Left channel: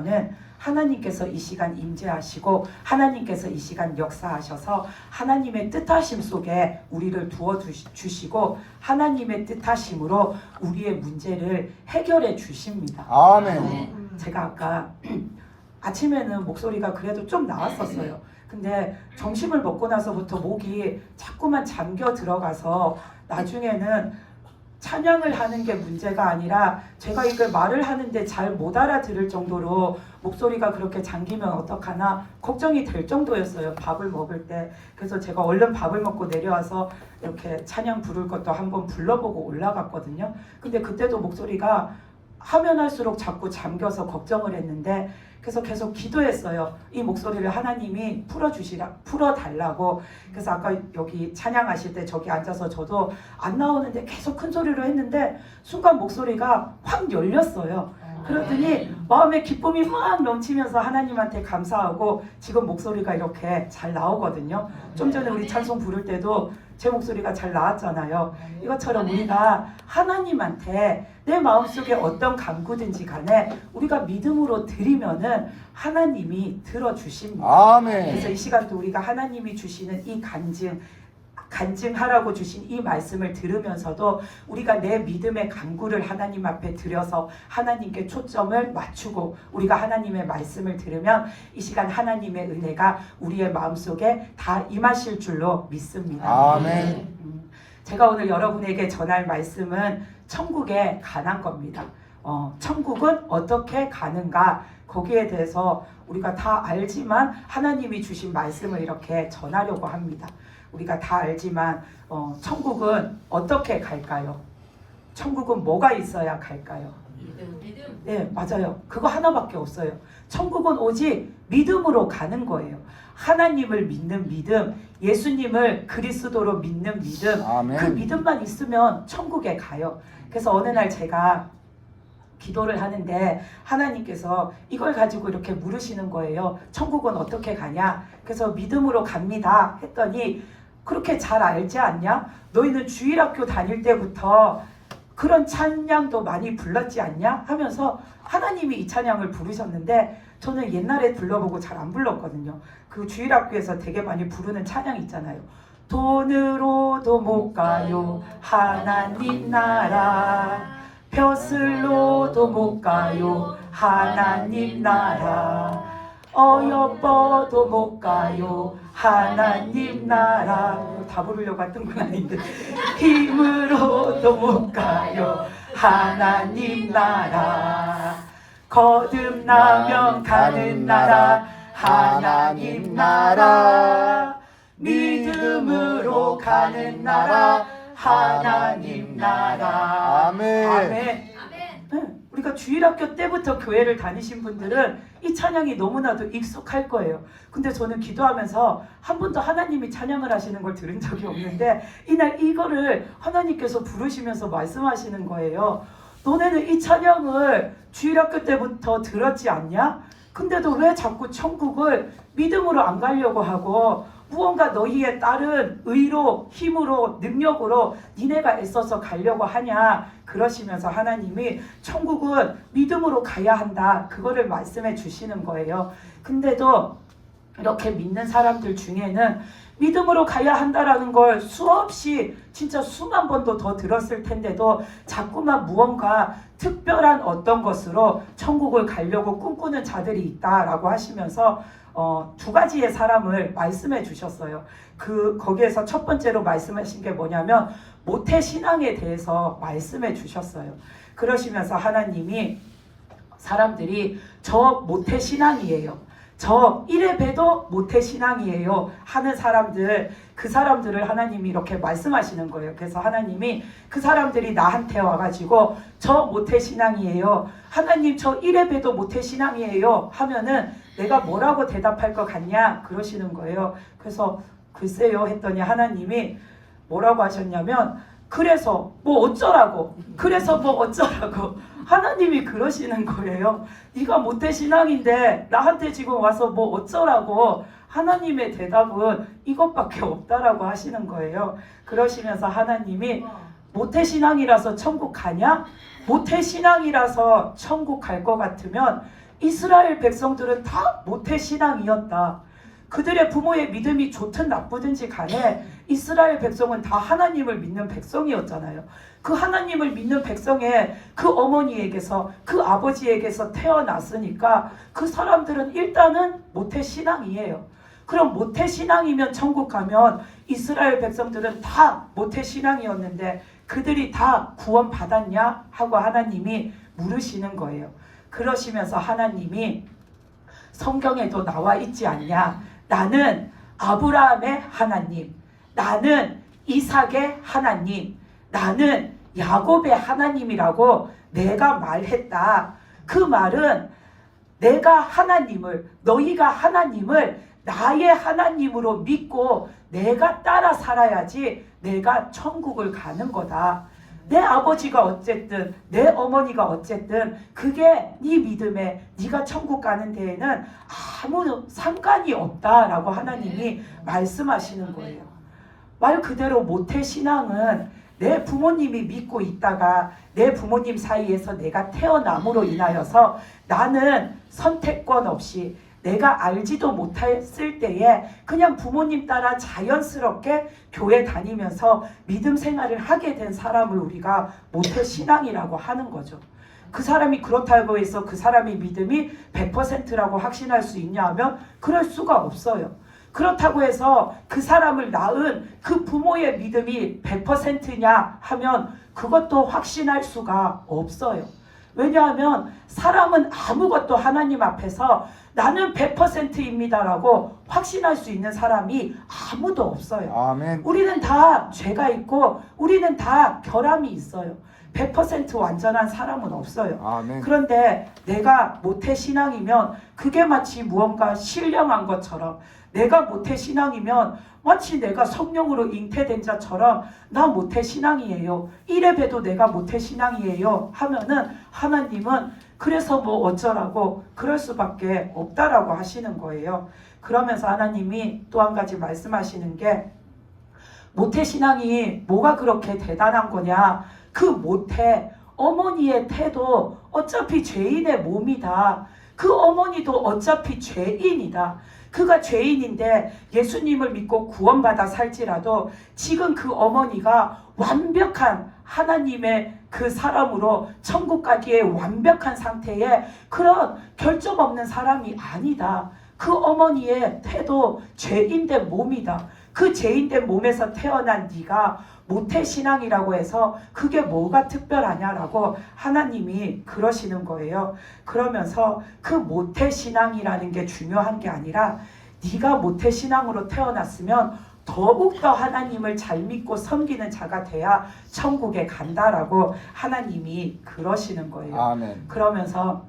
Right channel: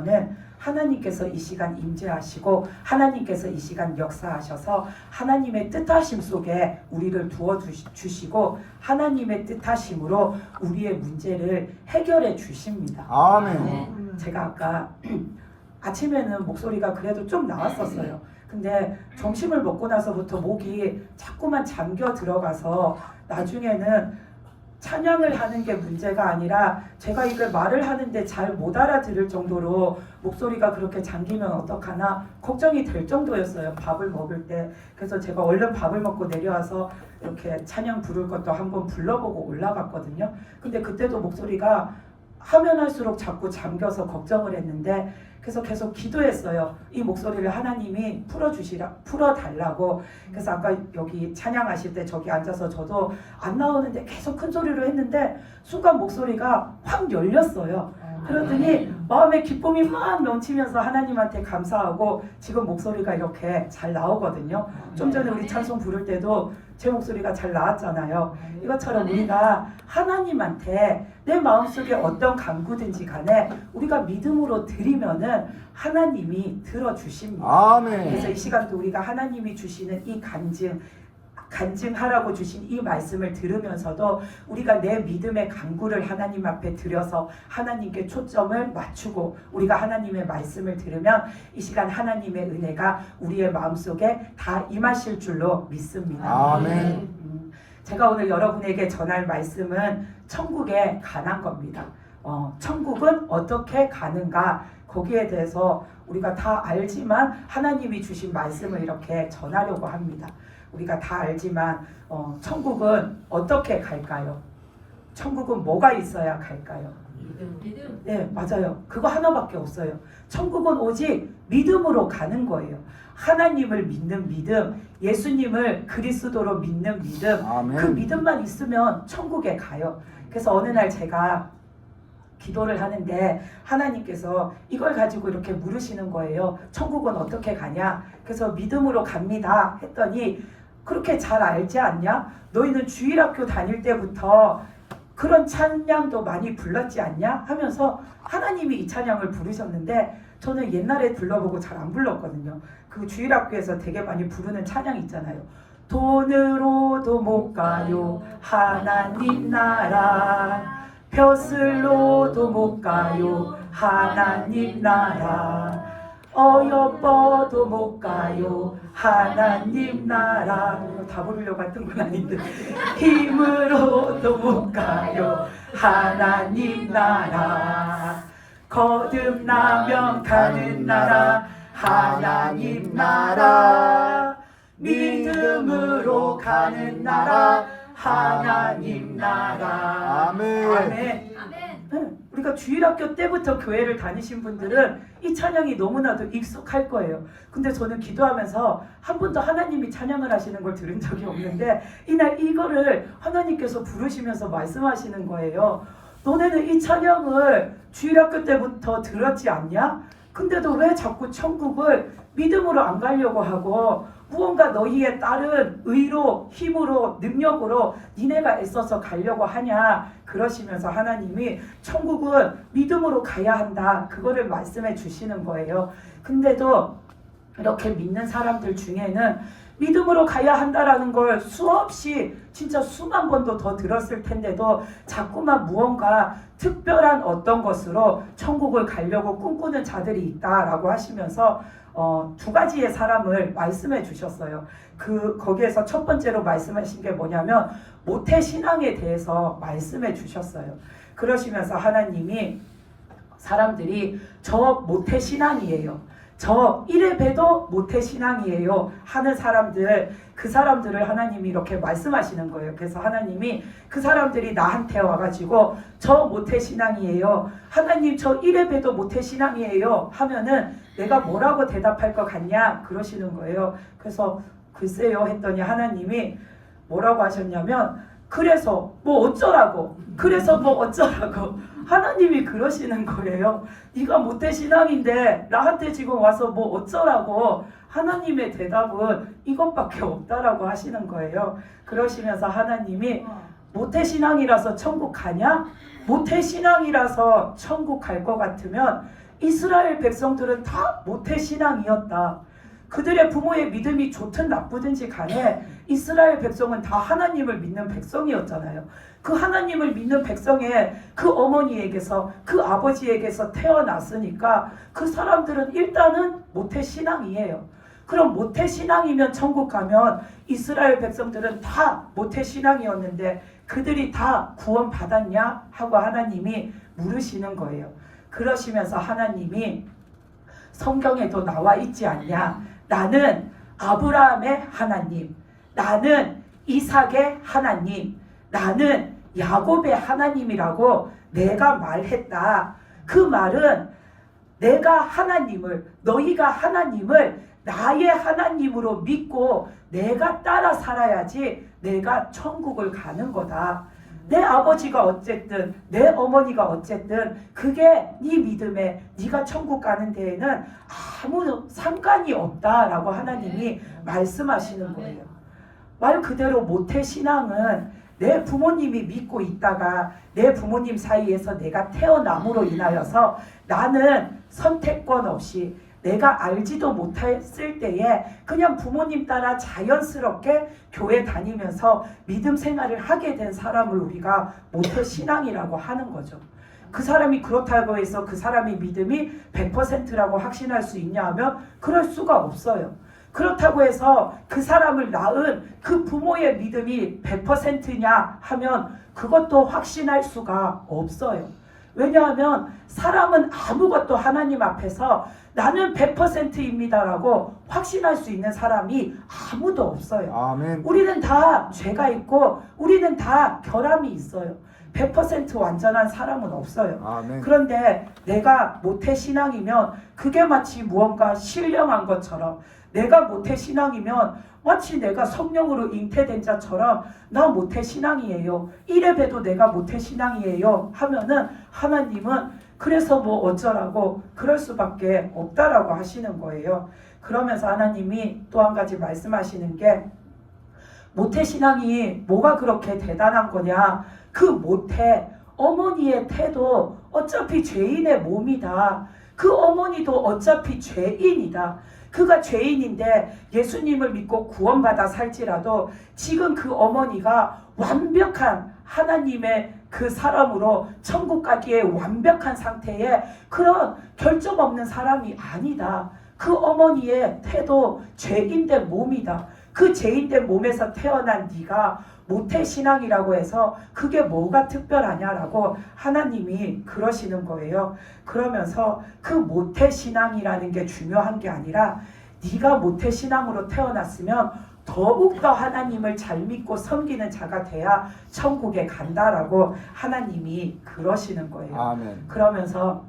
믿으면은 하나님께서 이 시간 임재하시고 하나님께서 이 시간 역사하셔서 하나님의 뜻하심 속에 우리를 두어 주시고 하나님의 뜻하심으로 우리의 문제를 해결해 주십니다. 아멘. 제가 아까 아침에는 목소리가 그래도 좀 나왔었어요. 근데 점심을 먹고 나서부터 목이 자꾸만 잠겨 들어가서 나중에는 찬양을 하는 게 문제가 아니라 제가 이렇게 말을 하는데 잘 못 알아들을 정도로 목소리가 그렇게 잠기면 어떡하나 걱정이 될 정도였어요. 밥을 먹을 때. 그래서 제가 얼른 밥을 먹고 내려와서 이렇게 찬양 부를 것도 한번 불러보고 올라갔거든요. 근데 그때도 목소리가 하면 할수록 자꾸 잠겨서 걱정을 했는데 그래서 계속 기도했어요. 이 목소리를 하나님이 풀어달라고. 그래서 아까 여기 찬양하실 때 저기 앉아서 저도 안 나오는데 계속 큰 소리로 했는데 순간 목소리가 확 열렸어요. 그러더니 마음의 기쁨이 막 넘치면서 하나님한테 감사하고 지금 목소리가 이렇게 잘 나오거든요. 좀 전에 우리 찬송 부를 때도 제 목소리가 잘 나왔잖아요. 이것처럼 우리가 하나님한테 내 마음속에 어떤 간구든지 간에 우리가 믿음으로 드리면은 하나님이 들어주십니다. 아멘. 그래서 이 시간도 우리가 하나님이 주시는 이 간증하라고 주신 이 말씀을 들으면서도 우리가 내 믿음의 간구를 하나님 앞에 드려서 하나님께 초점을 맞추고 우리가 하나님의 말씀을 들으면 이 시간 하나님의 은혜가 우리의 마음속에 다 임하실 줄로 믿습니다. 아멘. 제가 오늘 여러분에게 전할 말씀은 천국에 관한 겁니다. 천국은 어떻게 가는가 거기에 대해서 우리가 다 알지만 하나님이 주신 말씀을 이렇게 전하려고 합니다. 우리가 다 알지만 천국은 어떻게 갈까요? 천국은 뭐가 있어야 갈까요? 믿음. 네, 맞아요. 그거 하나밖에 없어요. 천국은 오직 믿음으로 가는 거예요. 하나님을 믿는 믿음, 예수님을 그리스도로 믿는 믿음, 아멘. 그 믿음만 있으면 천국에 가요. 그래서 어느 날 제가 기도를 하는데 하나님께서 이걸 가지고 이렇게 물으시는 거예요. 천국은 어떻게 가냐? 그래서 믿음으로 갑니다 했더니 그렇게 잘 알지 않냐? 너희는 주일학교 다닐 때부터 그런 찬양도 많이 불렀지 않냐? 하면서 하나님이 이 찬양을 부르셨는데 저는 옛날에 불러보고 잘 안 불렀거든요. 그 주일학교에서 되게 많이 부르는 찬양 있잖아요. 돈으로도 못 가요 하나님 나라, 벼슬로도 못 가요 하나님 나라, 어여뻐도 못 가요 하나님 나라. 이거 다 부르려고 했던 건 아닌데 힘으로도 못 가요 하나님 나라, 거듭나면 가는 나라 하나님 나라, 믿음으로 가는 나라 하나님 나라. 아멘. 아멘. 우리가 주일학교 때부터 교회를 다니신 분들은 이 찬양이 너무나도 익숙할 거예요. 근데 저는 기도하면서 한 번도 하나님이 찬양을 하시는 걸 들은 적이 없는데 이날 이거를 하나님께서 부르시면서 말씀하시는 거예요. 너네는 이 찬양을 주일학교 때부터 들었지 않냐? 근데도 왜 자꾸 천국을 믿음으로 안 가려고 하고 무언가 너희에 따른 의로, 힘으로, 능력으로 니네가 애써서 가려고 하냐? 그러시면서 하나님이 천국은 믿음으로 가야 한다. 그거를 말씀해 주시는 거예요. 근데도 이렇게 믿는 사람들 중에는 믿음으로 가야 한다라는 걸 수없이 진짜 수만 번도 더 들었을 텐데도 자꾸만 무언가 특별한 어떤 것으로 천국을 가려고 꿈꾸는 자들이 있다라고 하시면서 두 가지의 사람을 말씀해 주셨어요. 거기에서 첫 번째로 말씀하신 게 뭐냐면 모태신앙에 대해서 말씀해 주셨어요. 그러시면서 하나님이 사람들이 저 모태신앙이에요, 저 이래 봬도 모태신앙이에요 하는 사람들, 그 사람들을 하나님이 이렇게 말씀하시는 거예요. 그래서 하나님이 그 사람들이 나한테 와가지고 저 모태신앙이에요, 하나님 저 이래 봬도 모태신앙이에요 하면은 내가 뭐라고 대답할 것 같냐 그러시는 거예요. 그래서 글쎄요 했더니 하나님이 뭐라고 하셨냐면 그래서 뭐 어쩌라고, 그래서 뭐 어쩌라고 하나님이 그러시는 거예요. 네가 모태신앙인데 나한테 지금 와서 뭐 어쩌라고. 하나님의 대답은 이것밖에 없다라고 하시는 거예요. 그러시면서 하나님이 모태신앙이라서 천국 가냐? 모태신앙이라서 천국 갈 것 같으면 이스라엘 백성들은 다 모태신앙이었다. 그들의 부모의 믿음이 좋든 나쁘든지 간에 이스라엘 백성은 다 하나님을 믿는 백성이었잖아요. 그 하나님을 믿는 백성의 그 어머니에게서, 그 아버지에게서 태어났으니까 그 사람들은 일단은 모태신앙이에요. 그럼 모태신앙이면 천국 가면 이스라엘 백성들은 다 모태신앙이었는데 그들이 다 구원 받았냐 하고 하나님이 물으시는 거예요. 그러시면서 하나님이 성경에도 나와 있지 않냐? 나는 아브라함의 하나님, 나는 이삭의 하나님, 나는 야곱의 하나님이라고 내가 말했다. 그 말은 내가 하나님을, 너희가 하나님을 나의 하나님으로 믿고 내가 따라 살아야지 내가 천국을 가는 거다. 내 아버지가 어쨌든 내 어머니가 어쨌든 그게 네 믿음에 네가 천국 가는 데에는 아무 상관이 없다라고 하나님이 말씀하시는 거예요. 말 그대로 모태신앙은 내 부모님이 믿고 있다가 내 부모님 사이에서 내가 태어남으로 인하여서 나는 선택권 없이 내가 알지도 못했을 때에 그냥 부모님 따라 자연스럽게 교회 다니면서 믿음 생활을 하게 된 사람을 우리가 모태신앙이라고 하는 거죠. 그 사람이 그렇다고 해서 그 사람의 믿음이 100%라고 확신할 수 있냐 하면 그럴 수가 없어요. 그렇다고 해서 그 사람을 낳은 그 부모의 믿음이 100%냐 하면 그것도 확신할 수가 없어요. 왜냐하면 사람은 아무것도 하나님 앞에서 나는 100%입니다라고 확신할 수 있는 사람이 아무도 없어요. 아멘. 우리는 다 죄가 있고 우리는 다 결함이 있어요. 100% 완전한 사람은 없어요. 아멘. 그런데 내가 모태신앙이면 그게 마치 무언가 신령한 것처럼, 내가 모태신앙이면 마치 내가 성령으로 잉태된 자처럼 나 모태신앙이에요, 이래 봬도 내가 모태신앙이에요 하면은 하나님은 그래서 뭐 어쩌라고 그럴 수밖에 없다라고 하시는 거예요. 그러면서 하나님이 또 한 가지 말씀하시는 게, 모태신앙이 뭐가 그렇게 대단한 거냐, 그 모태 어머니의 태도 어차피 죄인의 몸이다. 그 어머니도 어차피 죄인이다. 그가 죄인인데 예수님을 믿고 구원받아 살지라도 지금 그 어머니가 완벽한 하나님의 그 사람으로 천국 가기에 완벽한 상태에 그런 결점 없는 사람이 아니다. 그 어머니의 태도 죄인된 몸이다. 그 죄인된 몸에서 태어난 네가 모태신앙이라고 해서 그게 뭐가 특별하냐라고 하나님이 그러시는 거예요. 그러면서 그 모태신앙이라는 게 중요한 게 아니라 네가 모태신앙으로 태어났으면 더욱더 하나님을 잘 믿고 섬기는 자가 돼야 천국에 간다라고 하나님이 그러시는 거예요. 아멘. 그러면서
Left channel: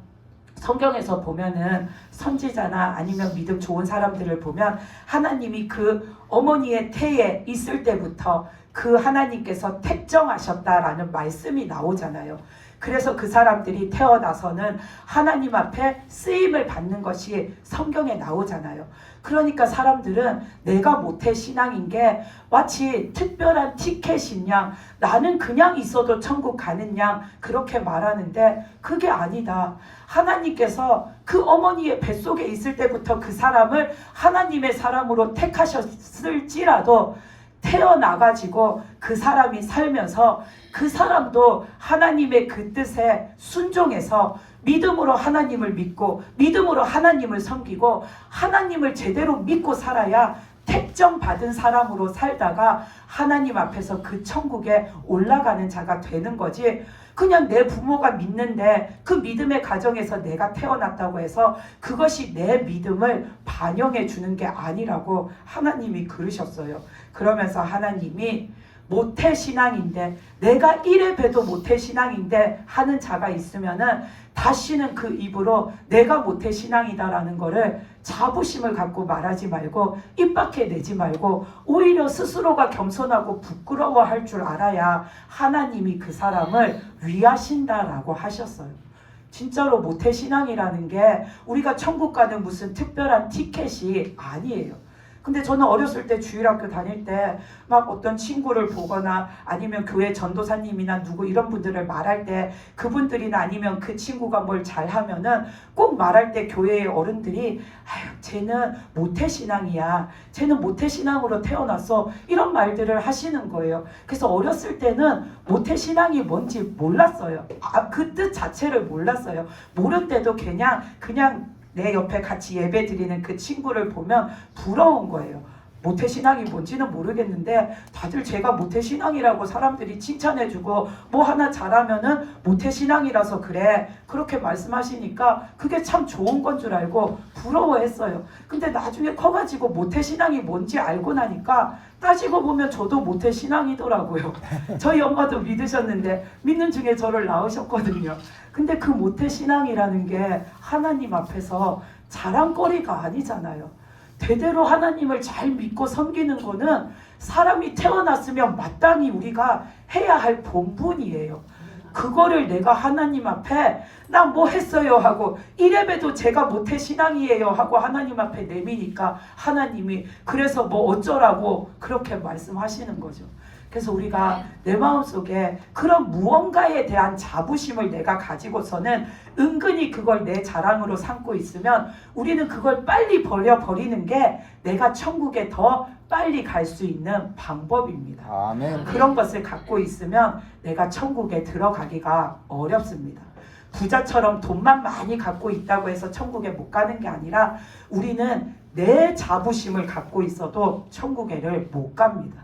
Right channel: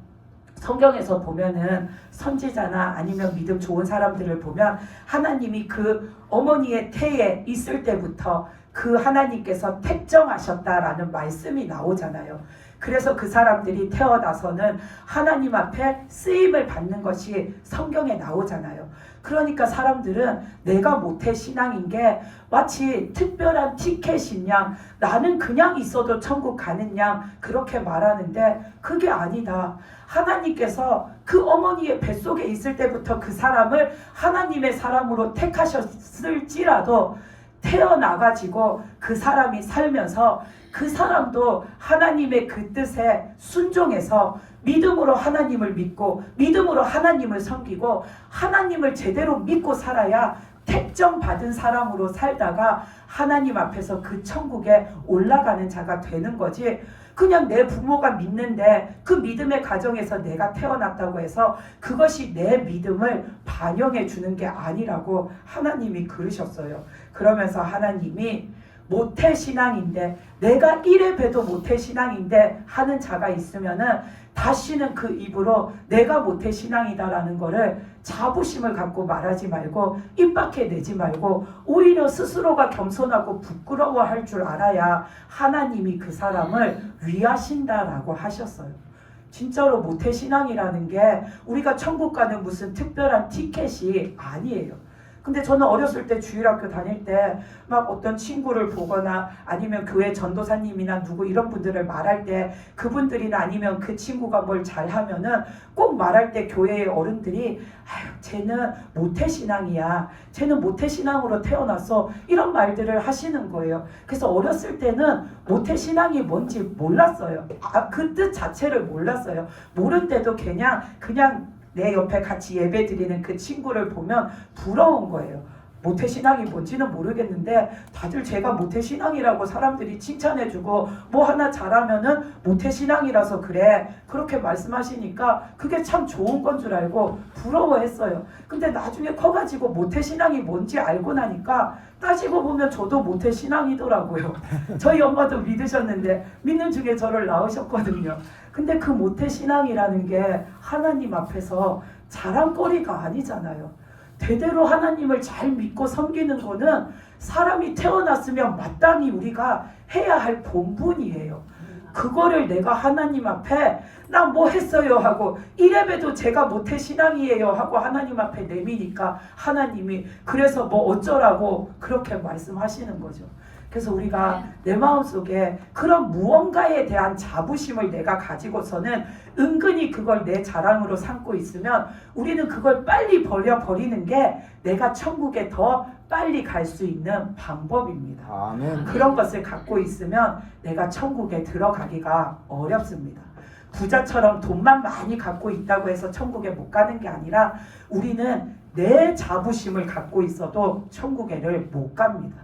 성경에서 보면은 선지자나 아니면 믿음 좋은 사람들을 보면 하나님이 그 어머니의 태에 있을 때부터 그 하나님께서 택정하셨다라는 말씀이 나오잖아요. 그래서 그 사람들이 태어나서는 하나님 앞에 쓰임을 받는 것이 성경에 나오잖아요. 그러니까 사람들은 내가 모태신앙인 게 마치 특별한 티켓인 양, 나는 그냥 있어도 천국 가는 양 그렇게 말하는데 그게 아니다. 하나님께서 그 어머니의 뱃속에 있을 때부터 그 사람을 하나님의 사람으로 택하셨을지라도 태어나가지고 그 사람이 살면서 그 사람도 하나님의 그 뜻에 순종해서 믿음으로 하나님을 믿고 믿음으로 하나님을 섬기고 하나님을 제대로 믿고 살아야 택정받은 사람으로 살다가 하나님 앞에서 그 천국에 올라가는 자가 되는 거지, 그냥 내 부모가 믿는데 그 믿음의 가정에서 내가 태어났다고 해서 그것이 내 믿음을 반영해 주는 게 아니라고 하나님이 그러셨어요. 그러면서 하나님이 모태신앙인데, 내가 이래 봬도 모태신앙인데 하는 자가 있으면은 다시는 그 입으로 내가 모태신앙이다라는 거를 자부심을 갖고 말하지 말고 입 밖에 내지 말고 오히려 스스로가 겸손하고 부끄러워할 줄 알아야 하나님이 그 사람을 위하신다라고 하셨어요. 진짜로 모태신앙이라는 게 우리가 천국 가는 무슨 특별한 티켓이 아니에요. 근데 저는 어렸을 때 주일학교 다닐 때 막 어떤 친구를 보거나 아니면 교회 전도사님이나 누구 이런 분들을 말할 때 그분들이나 아니면 그 친구가 뭘 잘하면은 꼭 말할 때 교회의 어른들이 아유 쟤는 모태신앙이야, 쟤는 모태신앙으로 태어나서 이런 말들을 하시는 거예요. 그래서 어렸을 때는 모태신앙이 뭔지 몰랐어요. 그 뜻 자체를 몰랐어요. 모른데도 그냥 내 옆에 같이 예배 드리는 그 친구를 보면 부러운 거예요. 모태신앙이 뭔지는 모르겠는데 다들 제가 모태신앙이라고 사람들이 칭찬해주고 뭐 하나 잘하면은 모태신앙이라서 그래 그렇게 말씀하시니까 그게 참 좋은 건 줄 알고 부러워했어요. 근데 나중에 커가지고 모태신앙이 뭔지 알고 나니까 따지고 보면 저도 모태신앙이더라고요. 저희 엄마도 믿으셨는데 믿는 중에 저를 낳으셨거든요. 근데 그 모태신앙이라는 게 하나님 앞에서 자랑거리가 아니잖아요. 대대로 하나님을 잘 믿고 섬기는 거는 사람이 태어났으면 마땅히 우리가 해야 할 본분이에요. 그거를 내가 하나님 앞에 나 뭐 했어요 하고 이래봬도 제가 모태신앙이에요 하고 하나님 앞에 내미니까 하나님이 그래서 뭐 어쩌라고 그렇게 말씀하시는 거죠. 그래서 우리가 내 마음속에 그런 무언가에 대한 자부심을 내가 가지고서는 은근히 그걸 내 자랑으로 삼고 있으면 우리는 그걸 빨리 버려버리는 게 내가 천국에 더 빨리 갈 수 있는 방법입니다. 아멘. 그런 것을 갖고 있으면 내가 천국에 들어가기가 어렵습니다. 부자처럼 돈만 많이 갖고 있다고 해서 천국에 못 가는 게 아니라 우리는 내 자부심을 갖고 있어도 천국에를 못 갑니다.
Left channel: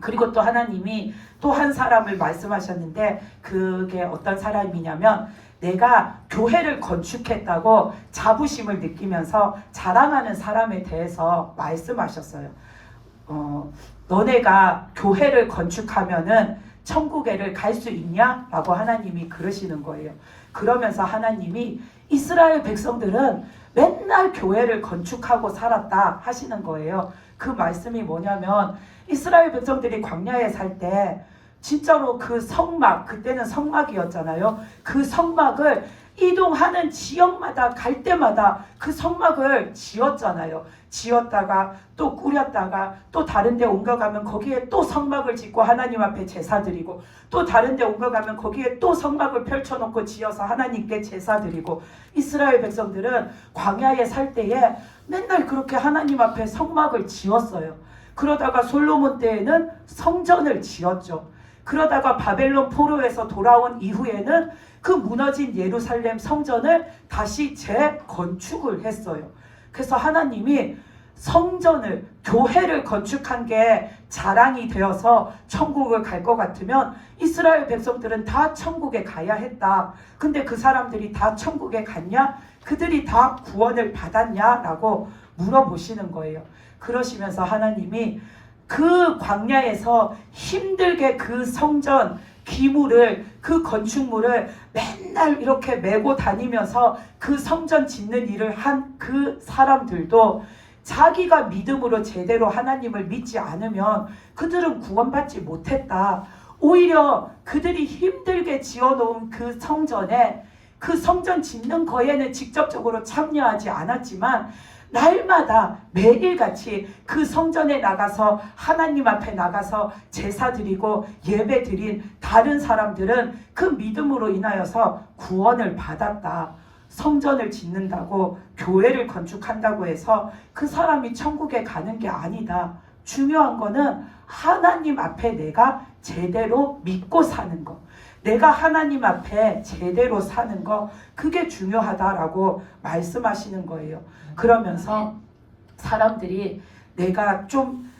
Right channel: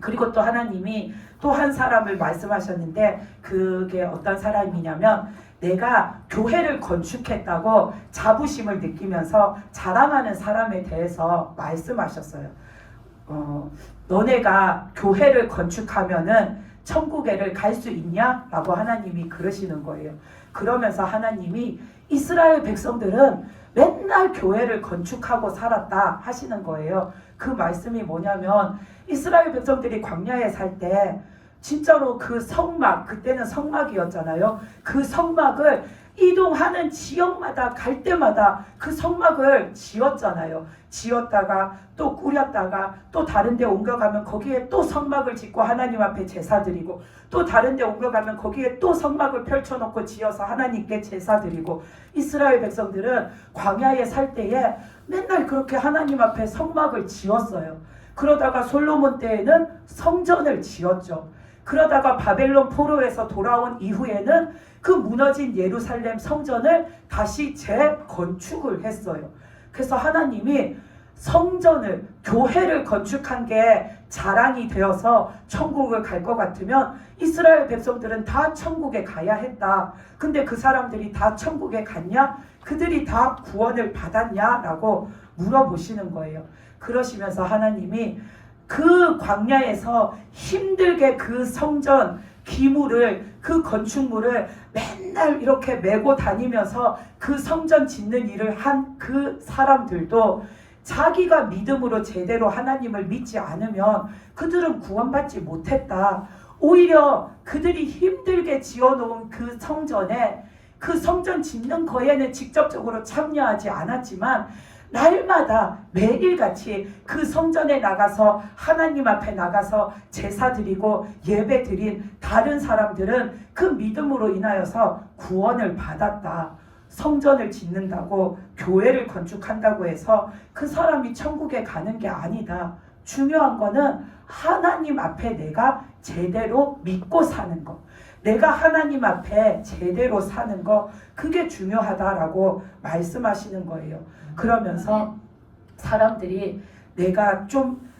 그리고 또 하나님이 또 한 사람을 말씀하셨는데 그게 어떤 사람이냐면 내가 교회를 건축했다고 자부심을 느끼면서 자랑하는 사람에 대해서 말씀하셨어요. 너네가 교회를 건축하면은 천국에를 갈 수 있냐? 라고 하나님이 그러시는 거예요. 그러면서 하나님이 이스라엘 백성들은 맨날 교회를 건축하고 살았다 하시는 거예요. 그 말씀이 뭐냐면 이스라엘 백성들이 광야에 살 때 진짜로 그 성막, 그때는 성막이었잖아요. 그 성막을 이동하는 지역마다 갈 때마다 그 성막을 지었잖아요. 지었다가 또 꾸렸다가 또 다른 데 옮겨가면 거기에 또 성막을 짓고 하나님 앞에 제사 드리고 또 다른 데 옮겨가면 거기에 또 성막을 펼쳐놓고 지어서 하나님께 제사 드리고 이스라엘 백성들은 광야에 살 때에 맨날 그렇게 하나님 앞에 성막을 지었어요. 그러다가 솔로몬 때에는 성전을 지었죠. 그러다가 바벨론 포로에서 돌아온 이후에는 그 무너진 예루살렘 성전을 다시 재건축을 했어요. 그래서 하나님이 성전을, 교회를 건축한 게 자랑이 되어서 천국을 갈 것 같으면 이스라엘 백성들은 다 천국에 가야 했다. 근데 그 사람들이 다 천국에 갔냐? 그들이 다 구원을 받았냐? 라고 물어보시는 거예요. 그러시면서 하나님이 그 광야에서 힘들게 그 성전 기물을, 그 건축물을 맨날 이렇게 메고 다니면서 그 성전 짓는 일을 한 그 사람들도 자기가 믿음으로 제대로 하나님을 믿지 않으면 그들은 구원받지 못했다. 오히려 그들이 힘들게 지어놓은 그 성전에, 그 성전 짓는 거에는 직접적으로 참여하지 않았지만 날마다 매일같이 그 성전에 나가서 하나님 앞에 나가서 제사 드리고 예배 드린 다른 사람들은 그 믿음으로 인하여서 구원을 받았다. 성전을 짓는다고 교회를 건축한다고 해서 그 사람이 천국에 가는 게 아니다. 중요한 거는 하나님 앞에 내가 제대로 믿고 사는 것. 내가 하나님 앞에 제대로 사는 거, 그게 중요하다라고 말씀하시는 거예요. 그러면서 사람들이 내가 좀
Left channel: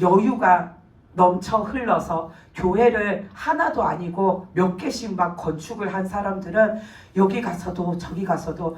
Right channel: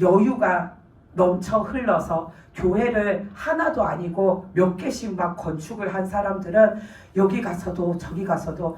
여유가 넘쳐 흘러서 교회를 하나도 아니고 몇 개씩 막 건축을 한 사람들은 여기 가서도 저기 가서도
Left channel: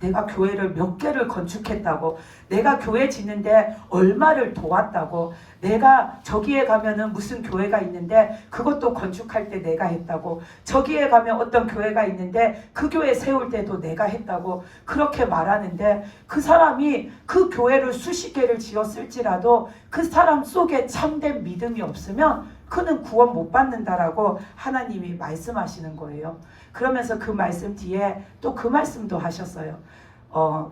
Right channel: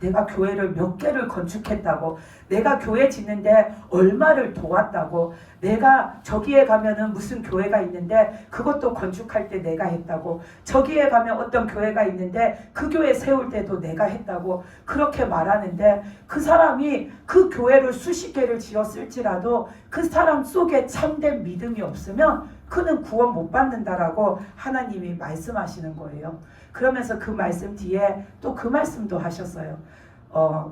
내가 교회를 몇 개를 건축했다고, 내가 교회 짓는데 얼마를 도왔다고, 내가 저기에 가면은 무슨 교회가 있는데 그것도 건축할 때 내가 했다고, 저기에 가면 어떤 교회가 있는데 그 교회 세울 때도 내가 했다고 그렇게 말하는데 그 사람이 그 교회를 수십 개를 지었을지라도 그 사람 속에 참된 믿음이 없으면 그는 구원 못 받는다라고 하나님이 말씀하시는 거예요. 그러면서 그 말씀 뒤에 또 그 말씀도 하셨어요.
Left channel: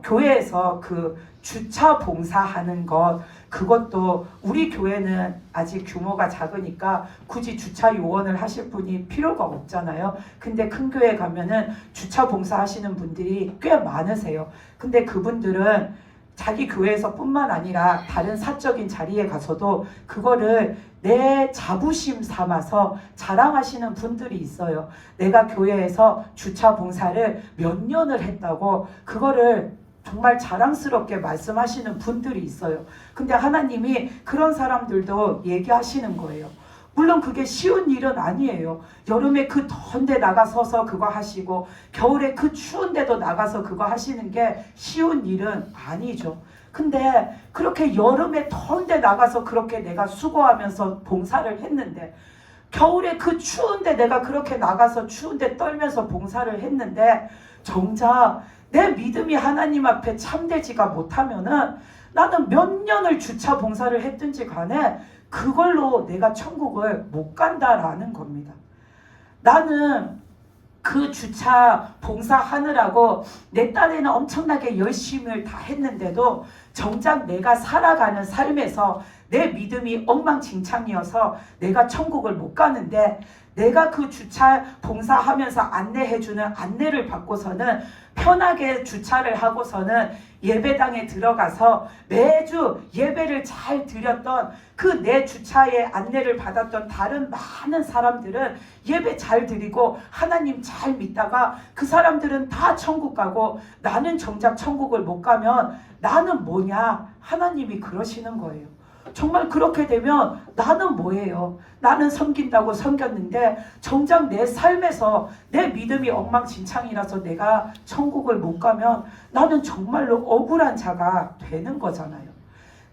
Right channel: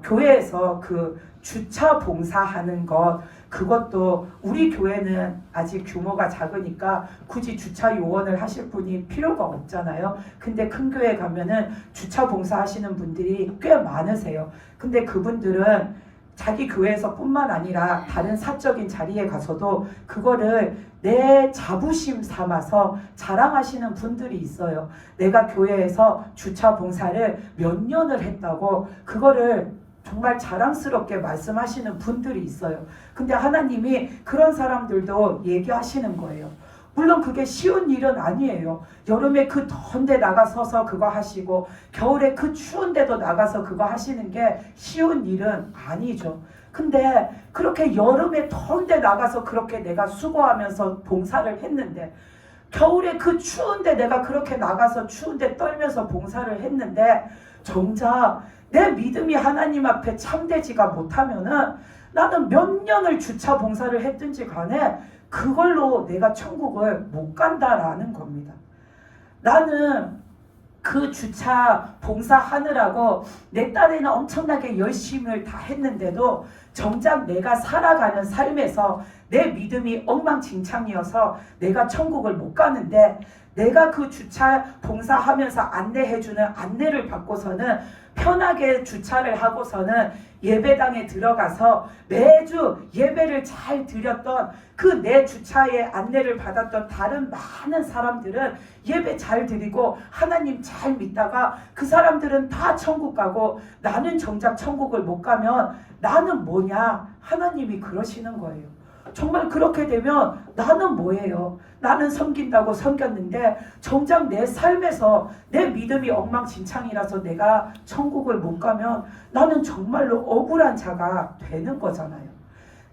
교회에서 그 주차 봉사하는 것, 그것도 우리 교회는 아직 규모가 작으니까 굳이 주차 요원을 하실 분이 필요가 없잖아요. 근데 큰 교회 가면은 주차 봉사하시는 분들이 꽤 많으세요. 근데 그분들은 자기 교회에서 뿐만 아니라 다른 사적인 자리에 가서도 그거를 내 자부심 삼아서 자랑하시는 분들이 있어요. 내가 교회에서 주차 봉사를 몇 년을 했다고 그거를 정말 자랑스럽게 말씀하시는 분들이 있어요. 근데 하나님이 그런 사람들도 얘기하시는 거예요. 물론 그게 쉬운 일은 아니에요. 여름에 그 더운데 나가서서 그거 하시고 겨울에 그 추운데도 나가서 그거 하시는 게 쉬운 일은 아니죠. 근데 그렇게 여름에 더운데 나가서 그렇게 내가 수고하면서 봉사를 했는데, 겨울에 그 추운데 내가 그렇게 나가서 추운데 떨면서 봉사를 했는데 정작 내 믿음이 하나님 앞에 참되지가 못하면은 나는 몇 년을 주차 봉사를 했든지 간에 그걸로 내가 천국을 못 간다라는 겁니다. 나는 그 주차 봉사하느라고 내 딴에는 엄청나게 열심을 다 했는데도 정작 내가 살아가는 삶에서 내 믿음이 엉망진창이어서 내가 천국을 못 가는데, 내가 그 주차 봉사하면서 안내해주는 안내를 받고서는 편하게 주차를 하고서는 예배당에 들어가서 매주 예배를 잘 드렸던 그 내 주차에 안내를 받았던 다른 많은 사람들은 예배 잘 드리고 하나님 잘 믿다가 그 사람들은 다 천국 가고 나는 정작 천국을 못 가면 나는 뭐냐? 하나님이 그러시는 거예요. 정말 그렇게 되면 나는 뭐예요? 나는 섬긴다고 섬겼는데 정작 내 삶에서 내 믿음이 엉망진창이라서 내가 천국을 못 가면 나는 정말로 억울한 자가 되는 거잖아요.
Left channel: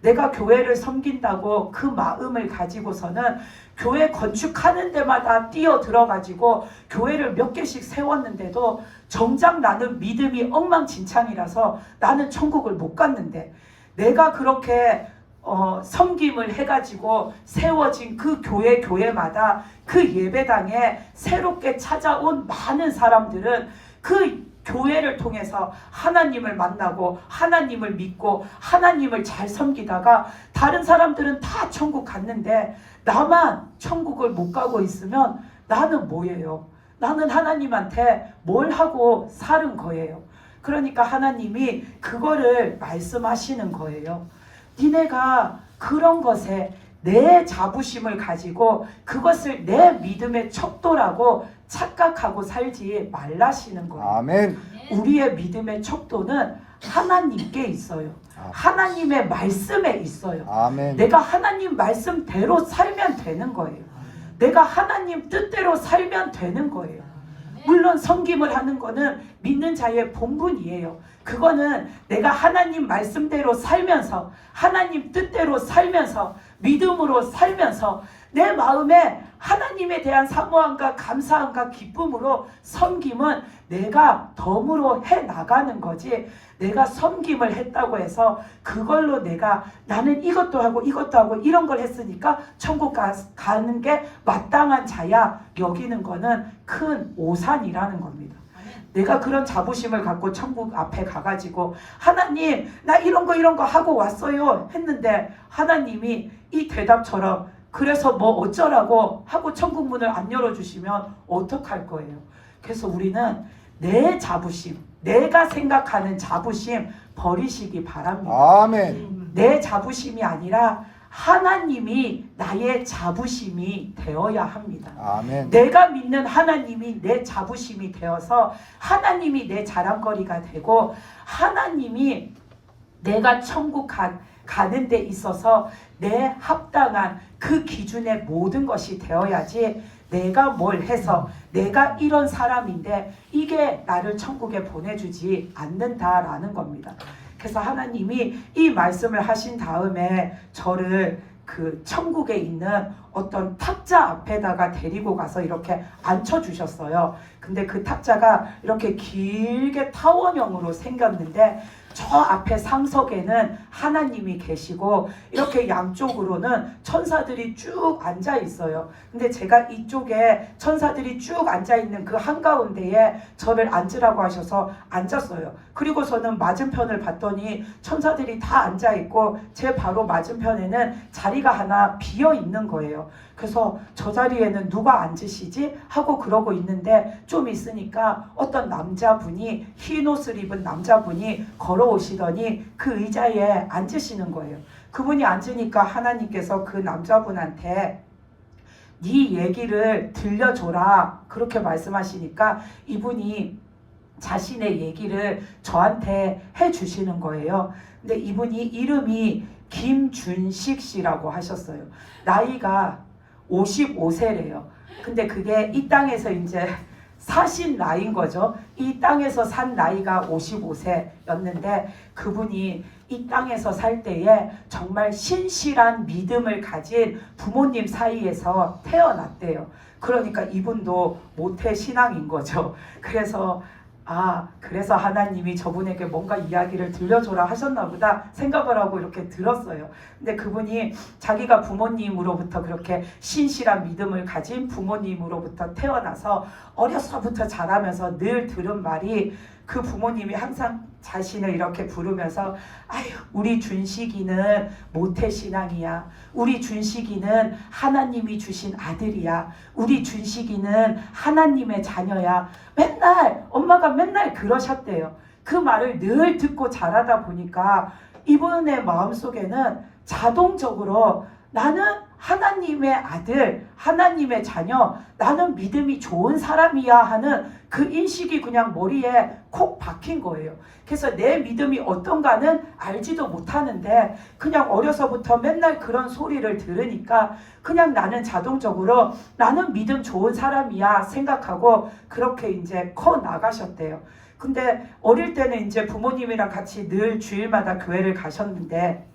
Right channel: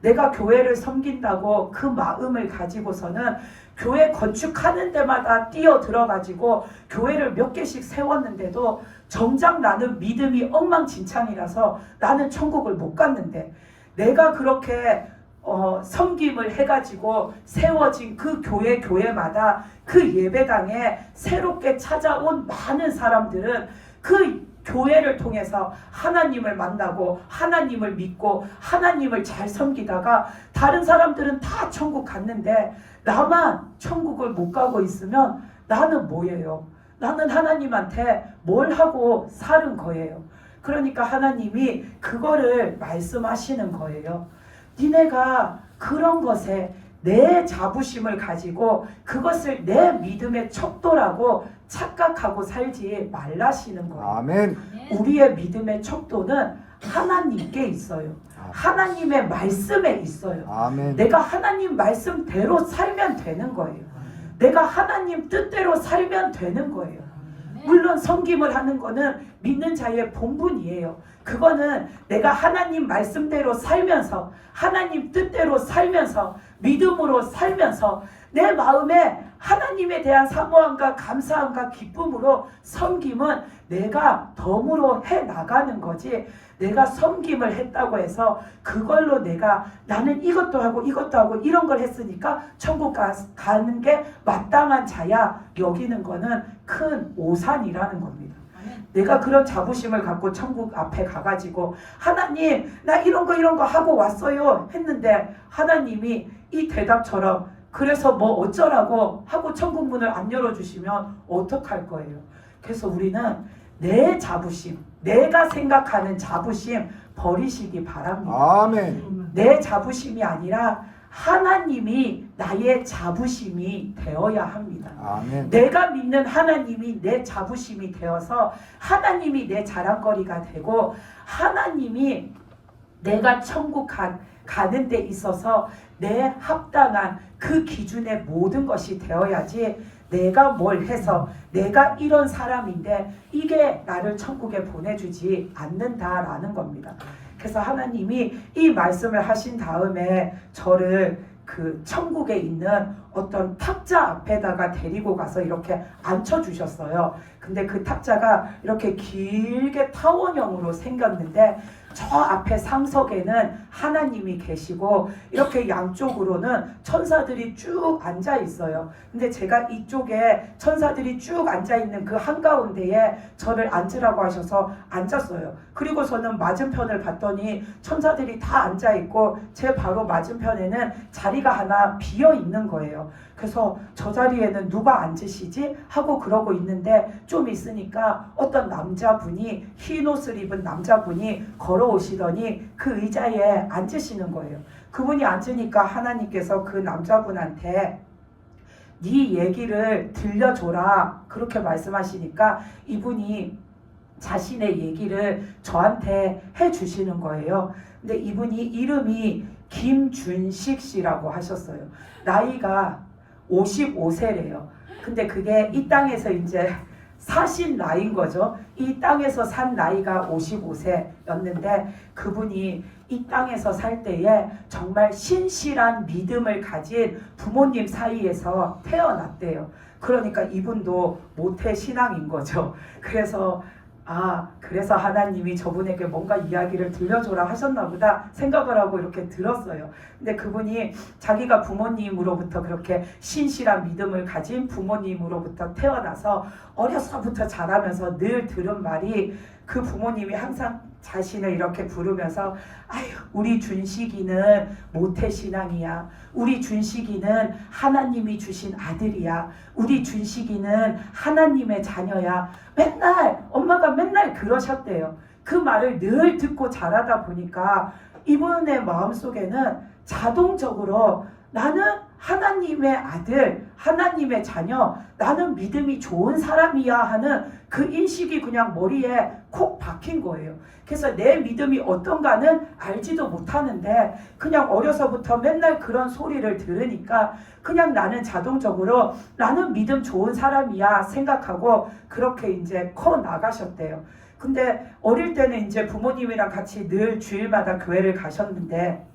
내가 교회를 섬긴다고 그 마음을 가지고서는 교회 건축하는 데마다 뛰어들어가지고 교회를 몇 개씩 세웠는데도 정작 나는 믿음이 엉망진창이라서 나는 천국을 못 갔는데, 내가 그렇게 섬김을 해가지고 세워진 그 교회마다 그 예배당에 새롭게 찾아온 많은 사람들은 그 교회를 통해서 하나님을 만나고 하나님을 믿고 하나님을 잘 섬기다가 다른 사람들은 다 천국 갔는데 나만 천국을 못 가고 있으면 나는 뭐예요? 나는 하나님한테 뭘 하고 사는 거예요. 그러니까 하나님이 그거를 말씀하시는 거예요. 니네가 그런 것에 내 자부심을 가지고 그것을 내 믿음의 척도라고 착각하고 살지 말라시는 거예요. 아멘. 우리의 믿음의 척도는 하나님께 있어요. 하나님의 말씀에 있어요. 아멘. 내가 하나님 말씀대로 살면 되는 거예요. 내가 하나님 뜻대로 살면 되는 거예요. 물론 섬김을 하는 거는 믿는 자의 본분이에요. 그거는 내가 하나님 말씀대로 살면서 하나님 뜻대로 살면서 믿음으로 살면서 내 마음에 하나님에 대한 사모함과 감사함과 기쁨으로 섬김은 내가 덤으로 해나가는 거지, 내가 섬김을 했다고 해서 그걸로 내가 나는 이것도 하고 이것도 하고 이런 걸 했으니까 천국 가는 게 마땅한 자야 여기는 거는 큰 오산이라는 겁니다. 내가 그런 자부심을 갖고 천국 앞에 가가지고 하나님 나 이런 거 하고 왔어요 했는데 하나님이 이 대답처럼 그래서 뭐 어쩌라고 하고 천국 문을 안 열어주시면 어떡할 거예요? 그래서 우리는 내 자부심, 내가 생각하는 자부심 버리시기 바랍니다. 아멘. 내 자부심이 아니라 하나님이 나의 자부심이 되어야 합니다. 아멘. 내가 믿는 하나님이 내 자부심이 되어서 하나님이 내 자랑거리가 되고 하나님이 내가 천국 가는 데 있어서 내 합당한 그 기준의 모든 것이 되어야지, 내가 뭘 해서 내가 이런 사람인데 이게 나를 천국에 보내주지 않는다라는 겁니다. 그래서 하나님이 이 말씀을 하신 다음에 저를 그 천국에 있는 어떤 탁자 앞에다가 데리고 가서 이렇게 앉혀주셨어요. 근데 그 탁자가 이렇게 길게 타원형으로 생겼는데 저 앞에 상석에는 하나님이 계시고 이렇게 양쪽으로는 천사들이 쭉 앉아 있어요. 근데 제가 이쪽에 천사들이 쭉 앉아 있는 그 한가운데에 저를 앉으라고 하셔서 앉았어요. 그리고서는 맞은편을 봤더니 천사들이 다 앉아 있고 제 바로 맞은편에는 자리가 하나 비어 있는 거예요. 그래서 저 자리에는 누가 앉으시지? 하고 그러고 있는데 좀 있으니까 어떤 남자분이, 흰 옷을 입은 남자분이 걸어오시더니 그 의자에 앉으시는 거예요. 그분이 앉으니까 하나님께서 그 남자분한테 네 얘기를 들려줘라 그렇게 말씀하시니까 이분이 자신의 얘기를 저한테 해주시는 거예요. 근데 이분이 이름이 김준식 씨라고 하셨어요. 나이가 55세래요. 근데 그게 이 땅에서 이제 사신 나이인 거죠. 이 땅에서 산 나이가 55세였는데 그분이 이 땅에서 살 때에 정말 신실한 믿음을 가진 부모님 사이에서 태어났대요. 그러니까 이분도 모태 신앙인 거죠. 그래서 하나님이 저분에게 뭔가 이야기를 들려줘라 하셨나 보다 생각을 하고 이렇게 들었어요. 근데 그분이 자기가 부모님으로부터 그렇게 신실한 믿음을 가진 부모님으로부터 태어나서 어려서부터 자라면서 늘 들은 말이 그 부모님이 항상 자신을 이렇게 부르면서 아유 우리 준식이는 모태신앙이야. 우리 준식이는 하나님이 주신 아들이야. 우리 준식이는 하나님의 자녀야. 맨날 엄마가 맨날 그러셨대요. 그 말을 늘 듣고 자라다 보니까 이분의 마음속에는 자동적으로 나는 하나님의 아들, 하나님의 자녀, 나는 믿음이 좋은 사람이야 하는 그 인식이 그냥 머리에 콕 박힌 거예요. 그래서 내 믿음이 어떤가는 알지도 못하는데 그냥 어려서부터 맨날 그런 소리를 들으니까 그냥 나는 자동적으로 나는 믿음 좋은 사람이야 생각하고 그렇게 이제 커 나가셨대요. 근데 어릴 때는 이제 부모님이랑 같이 늘 주일마다 교회를 가셨는데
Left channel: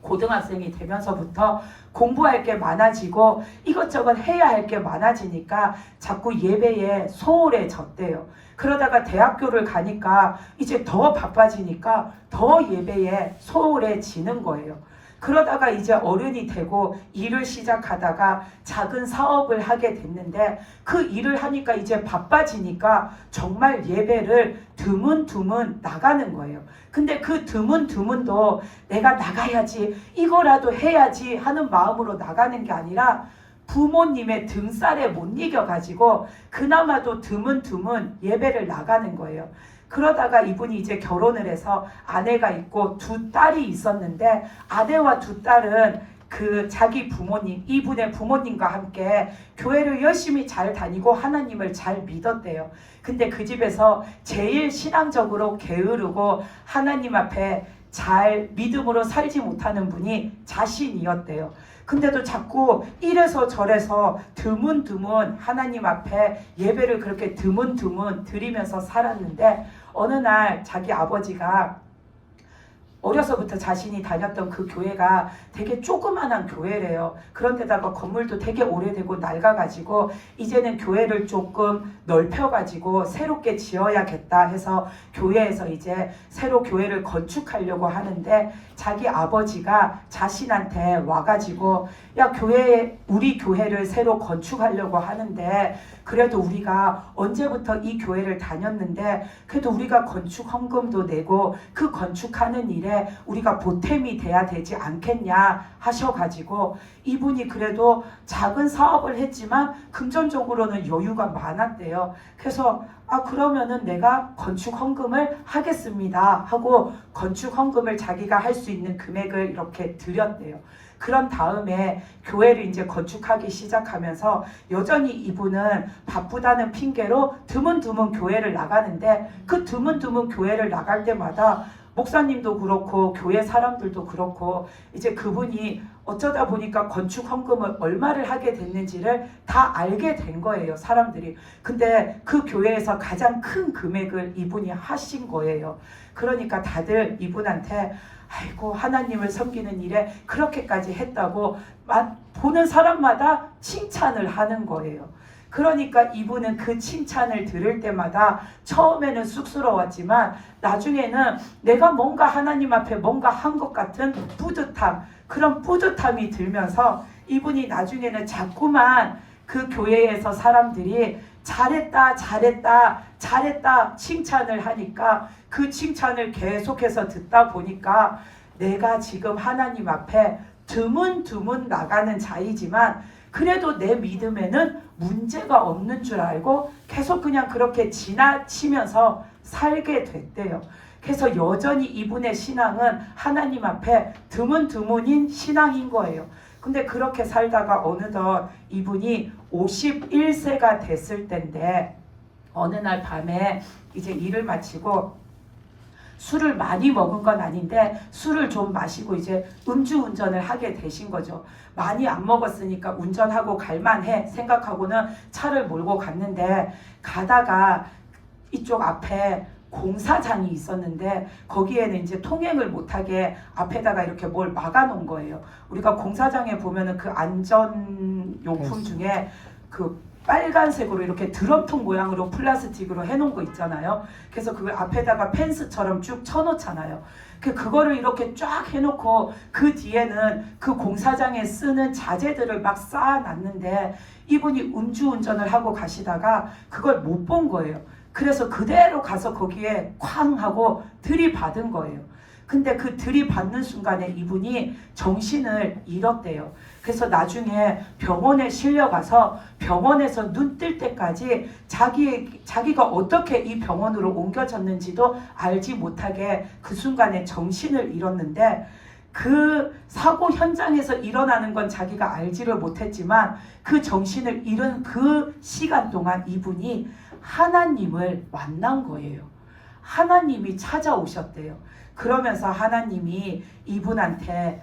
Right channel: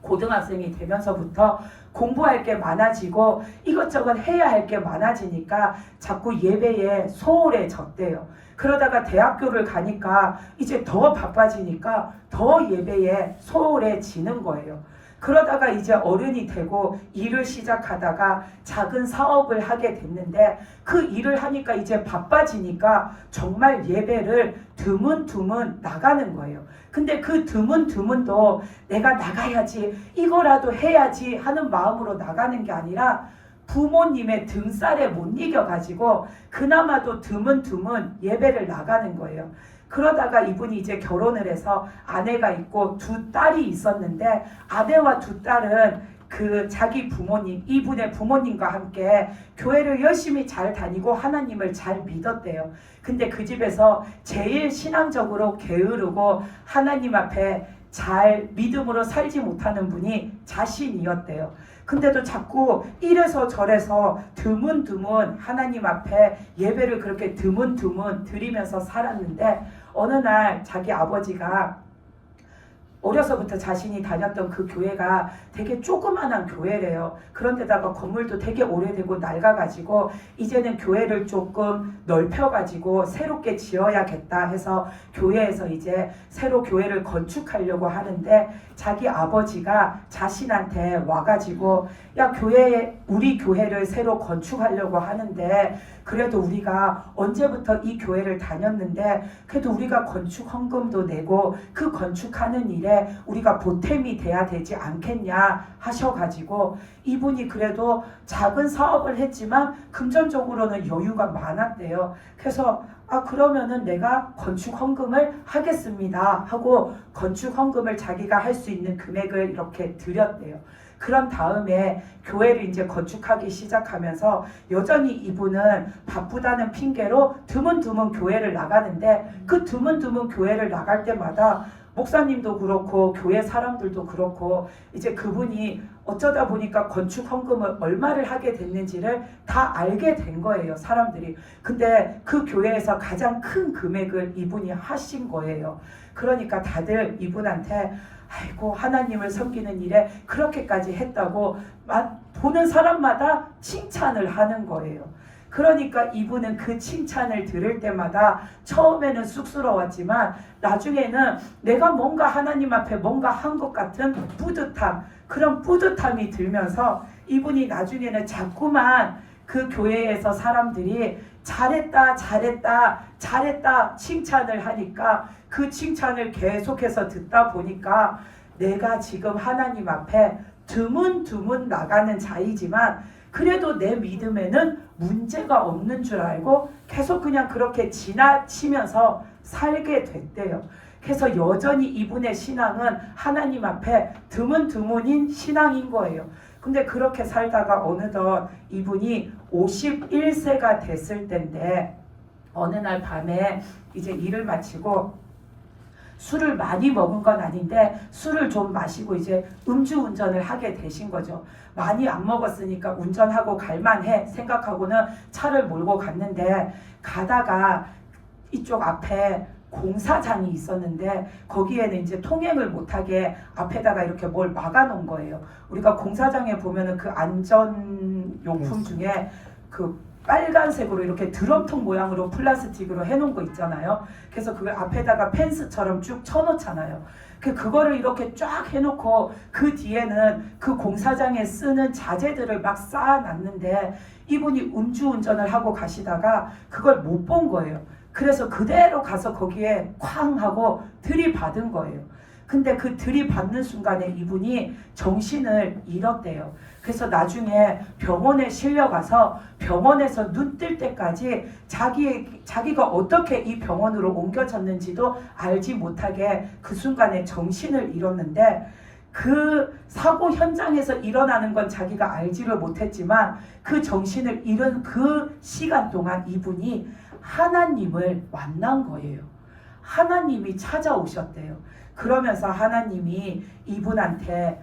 고등학생이 되면서부터 공부할 게 많아지고 이것저것 해야 할 게 많아지니까 자꾸 예배에 소홀해졌대요. 그러다가 대학교를 가니까 이제 더 바빠지니까 더 예배에 소홀해지는 거예요. 그러다가 이제 어른이 되고 일을 시작하다가 작은 사업을 하게 됐는데 그 일을 하니까 이제 바빠지니까 정말 예배를 드문드문 나가는 거예요. 근데 그 드문드문도 내가 나가야지 이거라도 해야지 하는 마음으로 나가는 게 아니라 부모님의 등살에 못 이겨가지고 그나마도 드문드문 예배를 나가는 거예요. 그러다가 이분이 이제 결혼을 해서 아내가 있고 두 딸이 있었는데 아내와 두 딸은 그 자기 부모님, 이분의 부모님과 함께 교회를 열심히 잘 다니고 하나님을 잘 믿었대요. 근데 그 집에서 제일 신앙적으로 게으르고 하나님 앞에 잘 믿음으로 살지 못하는 분이 자신이었대요. 근데도 자꾸 이래서 저래서 드문드문 하나님 앞에 예배를 그렇게 드문드문 드리면서 살았는데 어느 날 자기 아버지가 어려서부터 자신이 다녔던 그 교회가 되게 조그만한 교회래요. 그런데다가 건물도 되게 오래되고 낡아가지고 이제는 교회를 조금 넓혀가지고 새롭게 지어야겠다 해서 교회에서 이제 새로 교회를 건축하려고 하는데 자기 아버지가 자신한테 와가지고 야 우리 교회를 새로 건축하려고 하는데 그래도 우리가 언제부터 이 교회를 다녔는데 그래도 우리가 건축 헌금도 내고 그 건축하는 일에 우리가 보탬이 돼야 되지 않겠냐 하셔가지고 이분이 그래도 작은 사업을 했지만 금전적으로는 여유가 많았대요. 그래서 그러면은 내가 건축 헌금을 하겠습니다 하고 건축 헌금을 자기가 할 수 있는 금액을 이렇게 드렸대요. 그런 다음에 교회를 이제 건축하기 시작하면서 여전히 이분은 바쁘다는 핑계로 드문드문 교회를 나가는데 그 드문드문 교회를 나갈 때마다 목사님도 그렇고 교회 사람들도 그렇고 이제 그분이 어쩌다 보니까 건축 헌금을 얼마를 하게 됐는지를 다 알게 된 거예요, 사람들이. 근데 그 교회에서 가장 큰 금액을 이분이 하신 거예요. 그러니까 다들 이분한테 아이고 하나님을 섬기는 일에 그렇게까지 했다고 보는 사람마다 칭찬을 하는 거예요. 그러니까 이분은 그 칭찬을 들을 때마다 처음에는 쑥스러웠지만 나중에는 내가 뭔가 하나님 앞에 뭔가 한 것 같은 뿌듯함, 그런 뿌듯함이 들면서 이분이 나중에는 자꾸만 그 교회에서 사람들이 잘했다 잘했다 잘했다 칭찬을 하니까 그 칭찬을 계속해서 듣다 보니까 내가 지금 하나님 앞에 드문드문 나가는 자이지만 그래도 내 믿음에는 문제가 없는 줄 알고 계속 그냥 그렇게 지나치면서 살게 됐대요. 그래서 여전히 이분의 신앙은 하나님 앞에 드문드문인 신앙인 거예요. 근데 그렇게 살다가 어느덧 이분이 51세가 됐을 때인데 어느 날 밤에 이제 일을 마치고 술을 많이 먹은 건 아닌데 술을 좀 마시고 이제 음주운전을 하게 되신 거죠. 많이 안 먹었으니까 운전하고 갈만해 생각하고는 차를 몰고 갔는데 가다가 이쪽 앞에 공사장이 있었는데 거기에는 이제 통행을 못하게 앞에다가 이렇게 뭘 막아놓은 거예요. 우리가 공사장에 보면은 그 안전용품 중에 그 빨간색으로 이렇게 드럼통 모양으로 플라스틱으로 해놓은 거 있잖아요. 그래서 그걸 앞에다가 펜스처럼 쭉 쳐놓잖아요. 그거를 이렇게 쫙 해놓고 그 뒤에는 그 공사장에 쓰는 자재들을 막 쌓아놨는데 이분이 음주운전을 하고 가시다가 그걸 못 본 거예요. 그래서 그대로 가서 거기에 쾅 하고 들이받은 거예요. 근데 그 들이받는 순간에 이분이 정신을 잃었대요. 그래서 나중에 병원에 실려가서 병원에서 눈 뜰 때까지 자기가 어떻게 이 병원으로 옮겨졌는지도 알지 못하게 그 순간에 정신을 잃었는데 그 사고 현장에서 일어나는 건 자기가 알지를 못했지만 그 정신을 잃은 그 시간 동안 이분이 하나님을 만난 거예요. 하나님이 찾아오셨대요. 그러면서 하나님이 이분한테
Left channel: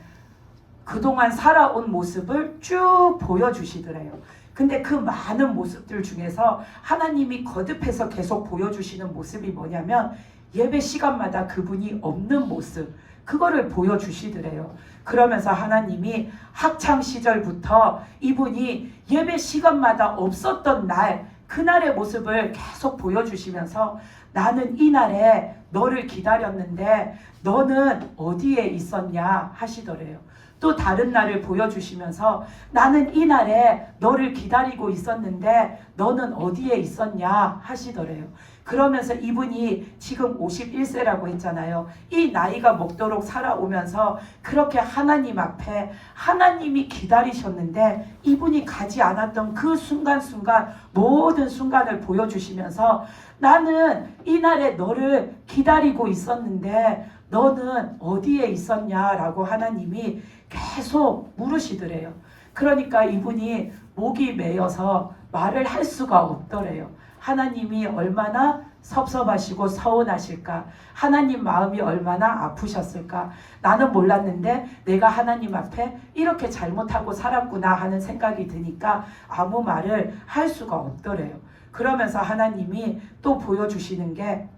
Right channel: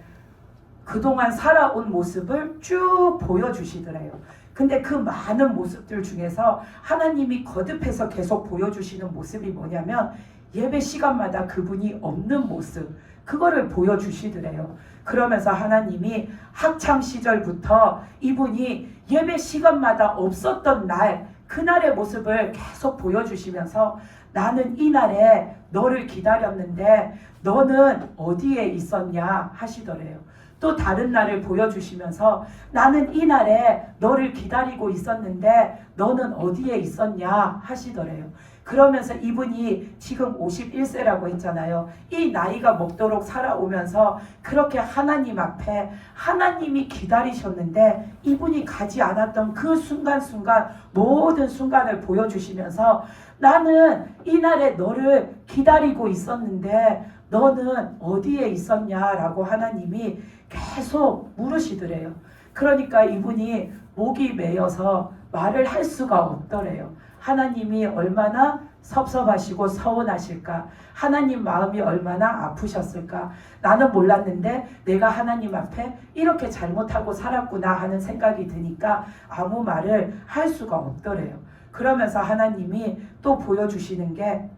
그동안 살아온 모습을 쭉 보여주시더래요. 근데 그 많은 모습들 중에서 하나님이 거듭해서 계속 보여주시는 모습이 뭐냐면 예배 시간마다 그분이 없는 모습, 그거를 보여주시더래요. 그러면서 하나님이 학창 시절부터 이분이 예배 시간마다 없었던 날, 그날의 모습을 계속 보여주시면서 나는 이날에 너를 기다렸는데 너는 어디에 있었냐 하시더래요. 또 다른 날을 보여주시면서 나는 이날에 너를 기다리고 있었는데 너는 어디에 있었냐 하시더래요. 그러면서 이분이 지금 51세라고 했잖아요. 이 나이가 먹도록 살아오면서 그렇게 하나님 앞에 하나님이 기다리셨는데 이분이 가지 않았던 그 순간순간 모든 순간을 보여주시면서 나는 이날에 너를 기다리고 있었는데 너는 어디에 있었냐라고 하나님이 계속 물으시더래요. 그러니까 이분이 목이 메여서 말을 할 수가 없더래요. 하나님이 얼마나 섭섭하시고 서운하실까, 하나님 마음이 얼마나 아프셨을까. 나는 몰랐는데 내가 하나님 앞에 이렇게 잘못하고 살았구나 하는 생각이 드니까 아무 말을 할 수가 없더래요. 그러면서 하나님이 또 보여주시는 게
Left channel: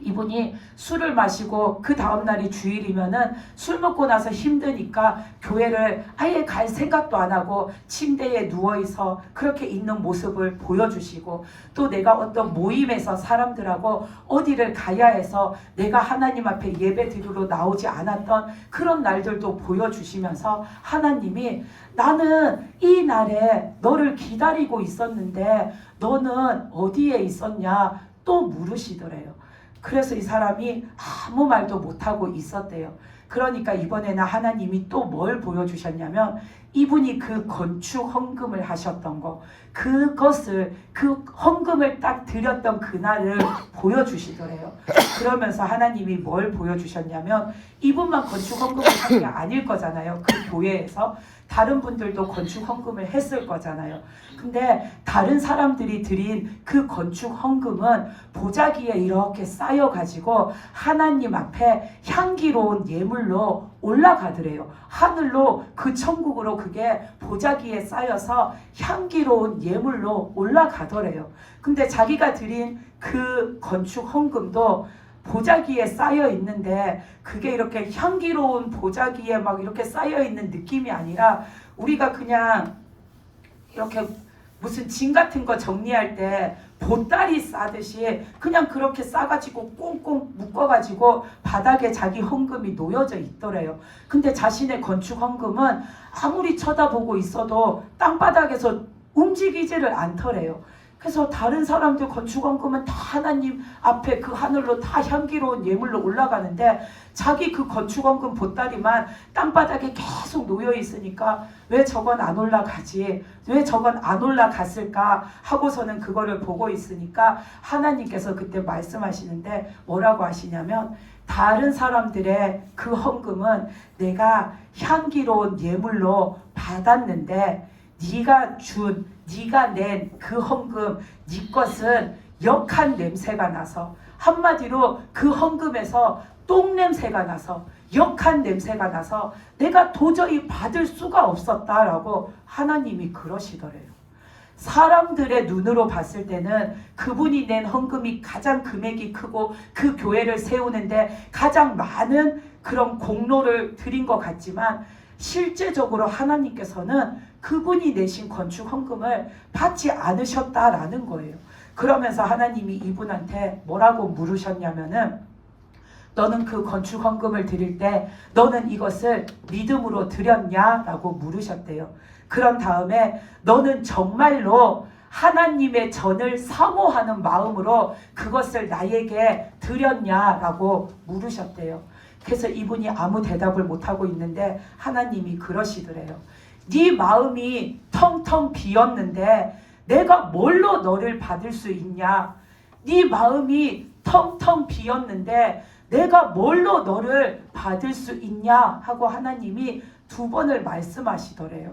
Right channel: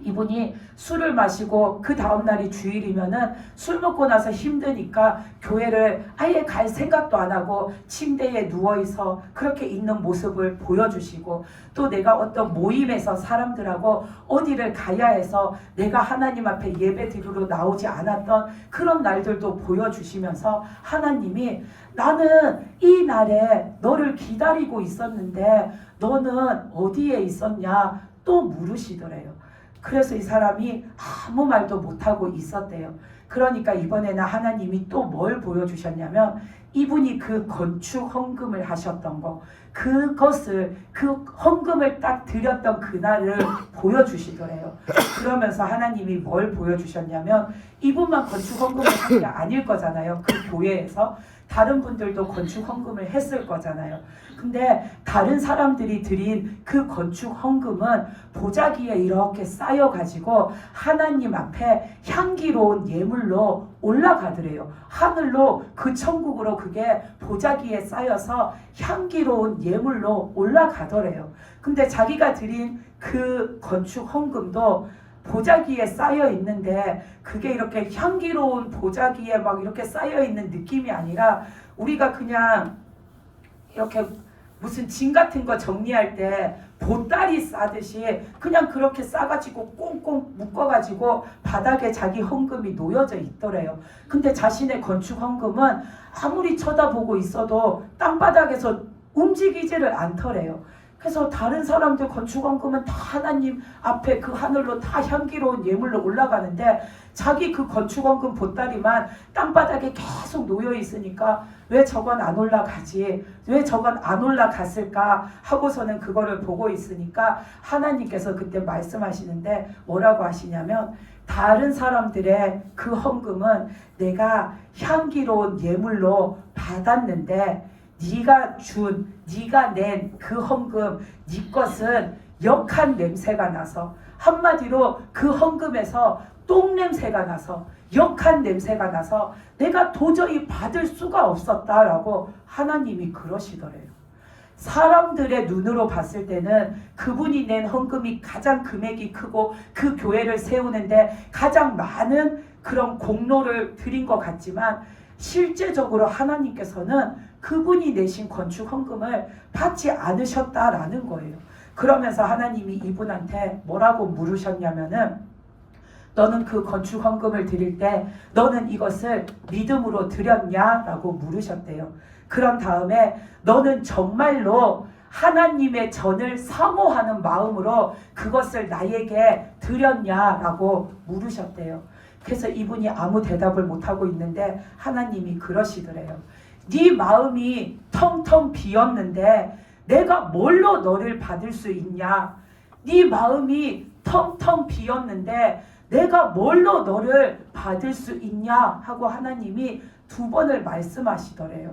이분이 술을 마시고 그 다음날이 주일이면은 술 먹고 나서 힘드니까 교회를 아예 갈 생각도 안 하고 침대에 누워있어 그렇게 있는 모습을 보여주시고 또 내가 어떤 모임에서 사람들하고 어디를 가야 해서 내가 하나님 앞에 예배 드리러 나오지 않았던 그런 날들도 보여주시면서 하나님이 나는 이 날에 너를 기다리고 있었는데 너는 어디에 있었냐 또 물으시더래요. 그래서 이 사람이 아무 말도 못하고 있었대요. 그러니까 이번에는 하나님이 또 뭘 보여주셨냐면 이분이 그 건축 헌금을 하셨던 거, 그것을 그 헌금을 딱 드렸던 그날을 보여주시더래요. 그러면서 하나님이 뭘 보여주셨냐면 이분만 건축 헌금을 한 게 아닐 거잖아요. 그 교회에서 다른 분들도 건축 헌금을 했을 거잖아요. 근데 다른 사람들이 드린 그 건축 헌금은 보자기에 이렇게 쌓여가지고 하나님 앞에 향기로운 예물로 올라가더래요. 하늘로 그 천국으로 그게 보자기에 쌓여서 향기로운 예물로 올라가더래요. 근데 자기가 드린 그 건축 헌금도 보자기에 쌓여 있는데 그게 이렇게 향기로운 보자기에 막 이렇게 쌓여 있는 느낌이 아니라 우리가 그냥 이렇게 무슨 짐 같은 거 정리할 때 보따리 싸듯이 그냥 그렇게 싸가지고 꽁꽁 묶어가지고 바닥에 자기 헌금이 놓여져 있더래요. 근데 자신의 건축 헌금은 아무리 쳐다보고 있어도 땅바닥에서 움직이지를 않더래요. 그래서 다른 사람들 건축 헌금은 다 하나님 앞에 그 하늘로 다 향기로운 예물로 올라가는데 자기 그 건축 헌금 보따리만 땅바닥에 계속 놓여 있으니까 왜 저건 안 올라가지? 왜 저건 안 올라갔을까? 하고서는 그거를 보고 있으니까 하나님께서 그때 말씀하시는데 뭐라고 하시냐면 다른 사람들의 그 헌금은 내가 향기로운 예물로 받았는데 네가 낸 그 헌금 네 것은 역한 냄새가 나서 한마디로 그 헌금에서 똥 냄새가 나서 역한 냄새가 나서 내가 도저히 받을 수가 없었다라고 하나님이 그러시더래요. 사람들의 눈으로 봤을 때는 그분이 낸 헌금이 가장 금액이 크고 그 교회를 세우는데 가장 많은 그런 공로를 드린 것 같지만 실제적으로 하나님께서는 그분이 내신 건축 헌금을 받지 않으셨다라는 거예요. 그러면서 하나님이 이분한테 뭐라고 물으셨냐면은 너는 그 건축 헌금을 드릴 때 너는 이것을 믿음으로 드렸냐라고 물으셨대요. 그런 다음에 너는 정말로 하나님의 전을 사모하는 마음으로 그것을 나에게 드렸냐라고 물으셨대요. 그래서 이분이 아무 대답을 못하고 있는데 하나님이 그러시더래요. 네 마음이 텅텅 비었는데 내가 뭘로 너를 받을 수 있냐? 네 마음이 텅텅 비었는데 내가 뭘로 너를 받을 수 있냐? 하고 하나님이 2번을 말씀하시더래요.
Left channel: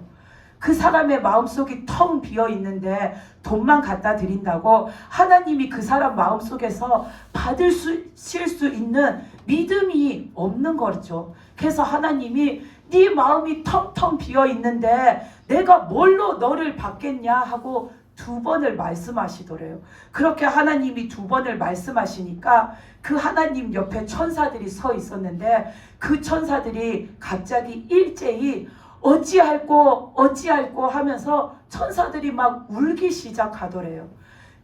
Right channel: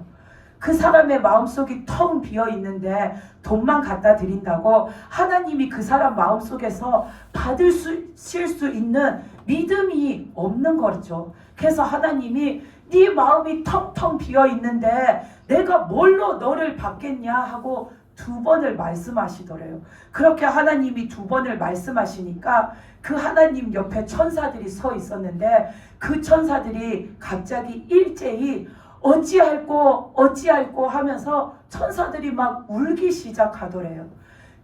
그 사람의 마음속이 텅 비어 있는데 돈만 갖다 드린다고 하나님이 그 사람 마음속에서 받으실 수 있는 믿음이 없는 거죠. 그래서 하나님이 네 마음이 텅텅 비어 있는데 내가 뭘로 너를 받겠냐 하고 2번을 말씀하시더래요. 그렇게 하나님이 2번을 말씀하시니까 그 하나님 옆에 천사들이 서 있었는데 그 천사들이 갑자기 일제히 어찌할꼬 하면서 천사들이 막 울기 시작하더래요.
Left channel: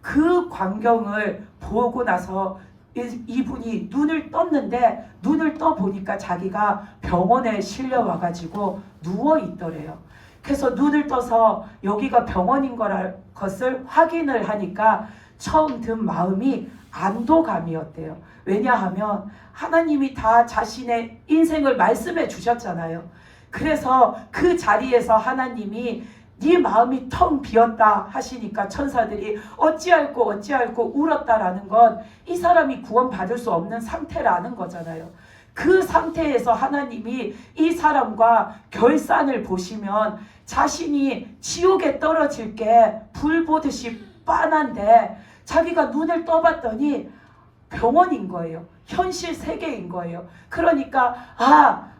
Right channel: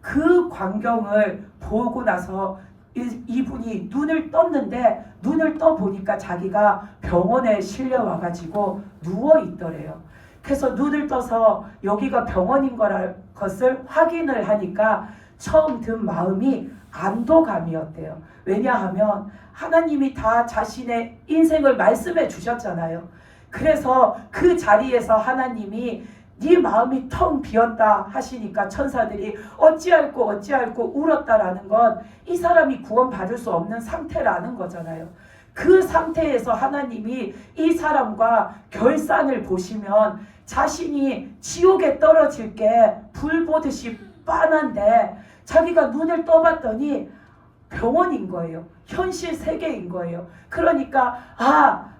그 광경을 보고 나서 이분이 눈을 떴는데 눈을 떠 보니까 자기가 병원에 실려와가지고 누워 있더래요. 그래서 눈을 떠서 여기가 병원인 것을 확인을 하니까 처음 든 마음이 안도감이었대요. 왜냐하면 하나님이 다 자신의 인생을 말씀해 주셨잖아요. 그래서 그 자리에서 하나님이 네 마음이 텅 비었다 하시니까 천사들이 어찌할꼬 울었다라는 건 이 사람이 구원받을 수 없는 상태라는 거잖아요. 그 상태에서 하나님이 이 사람과 결산을 보시면 자신이 지옥에 떨어질 게 불 보듯이 빤한데 자기가 눈을 떠봤더니 병원인 거예요. 현실 세계인 거예요. 그러니까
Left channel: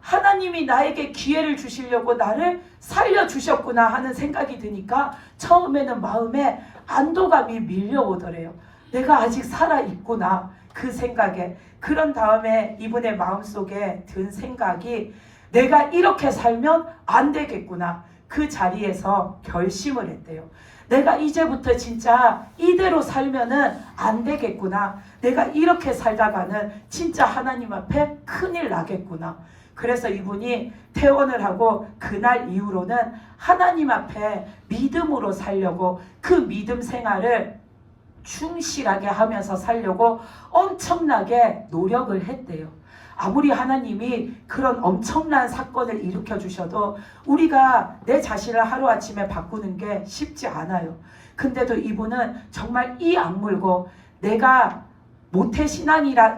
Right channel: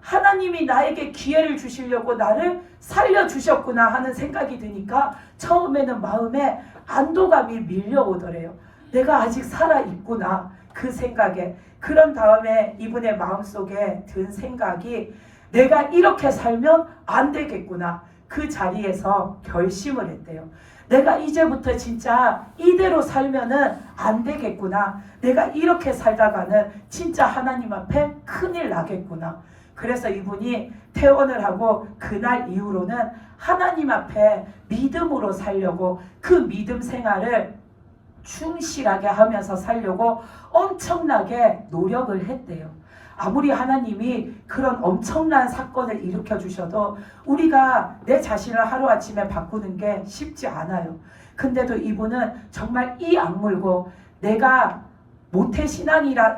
하나님이 나에게 기회를 주시려고 나를 살려주셨구나 하는 생각이 드니까 처음에는 마음에 안도감이 밀려오더래요. 내가 아직 살아있구나 그 생각에. 그런 다음에 이분의 마음속에 든 생각이 내가 이렇게 살면 안 되겠구나. 그 자리에서 결심을 했대요. 내가 이제부터 진짜 이대로 살면은 안 되겠구나. 내가 이렇게 살다가는 진짜 하나님 앞에 큰일 나겠구나. 그래서 이분이 퇴원을 하고 그날 이후로는 하나님 앞에 믿음으로 살려고 그 믿음 생활을 충실하게 하면서 살려고 엄청나게 노력을 했대요. 아무리 하나님이 그런 엄청난 사건을 일으켜 주셔도 우리가 내 자신을 하루아침에 바꾸는 게 쉽지 않아요. 근데도 이분은 정말 이 악물고 내가 모태신앙이라서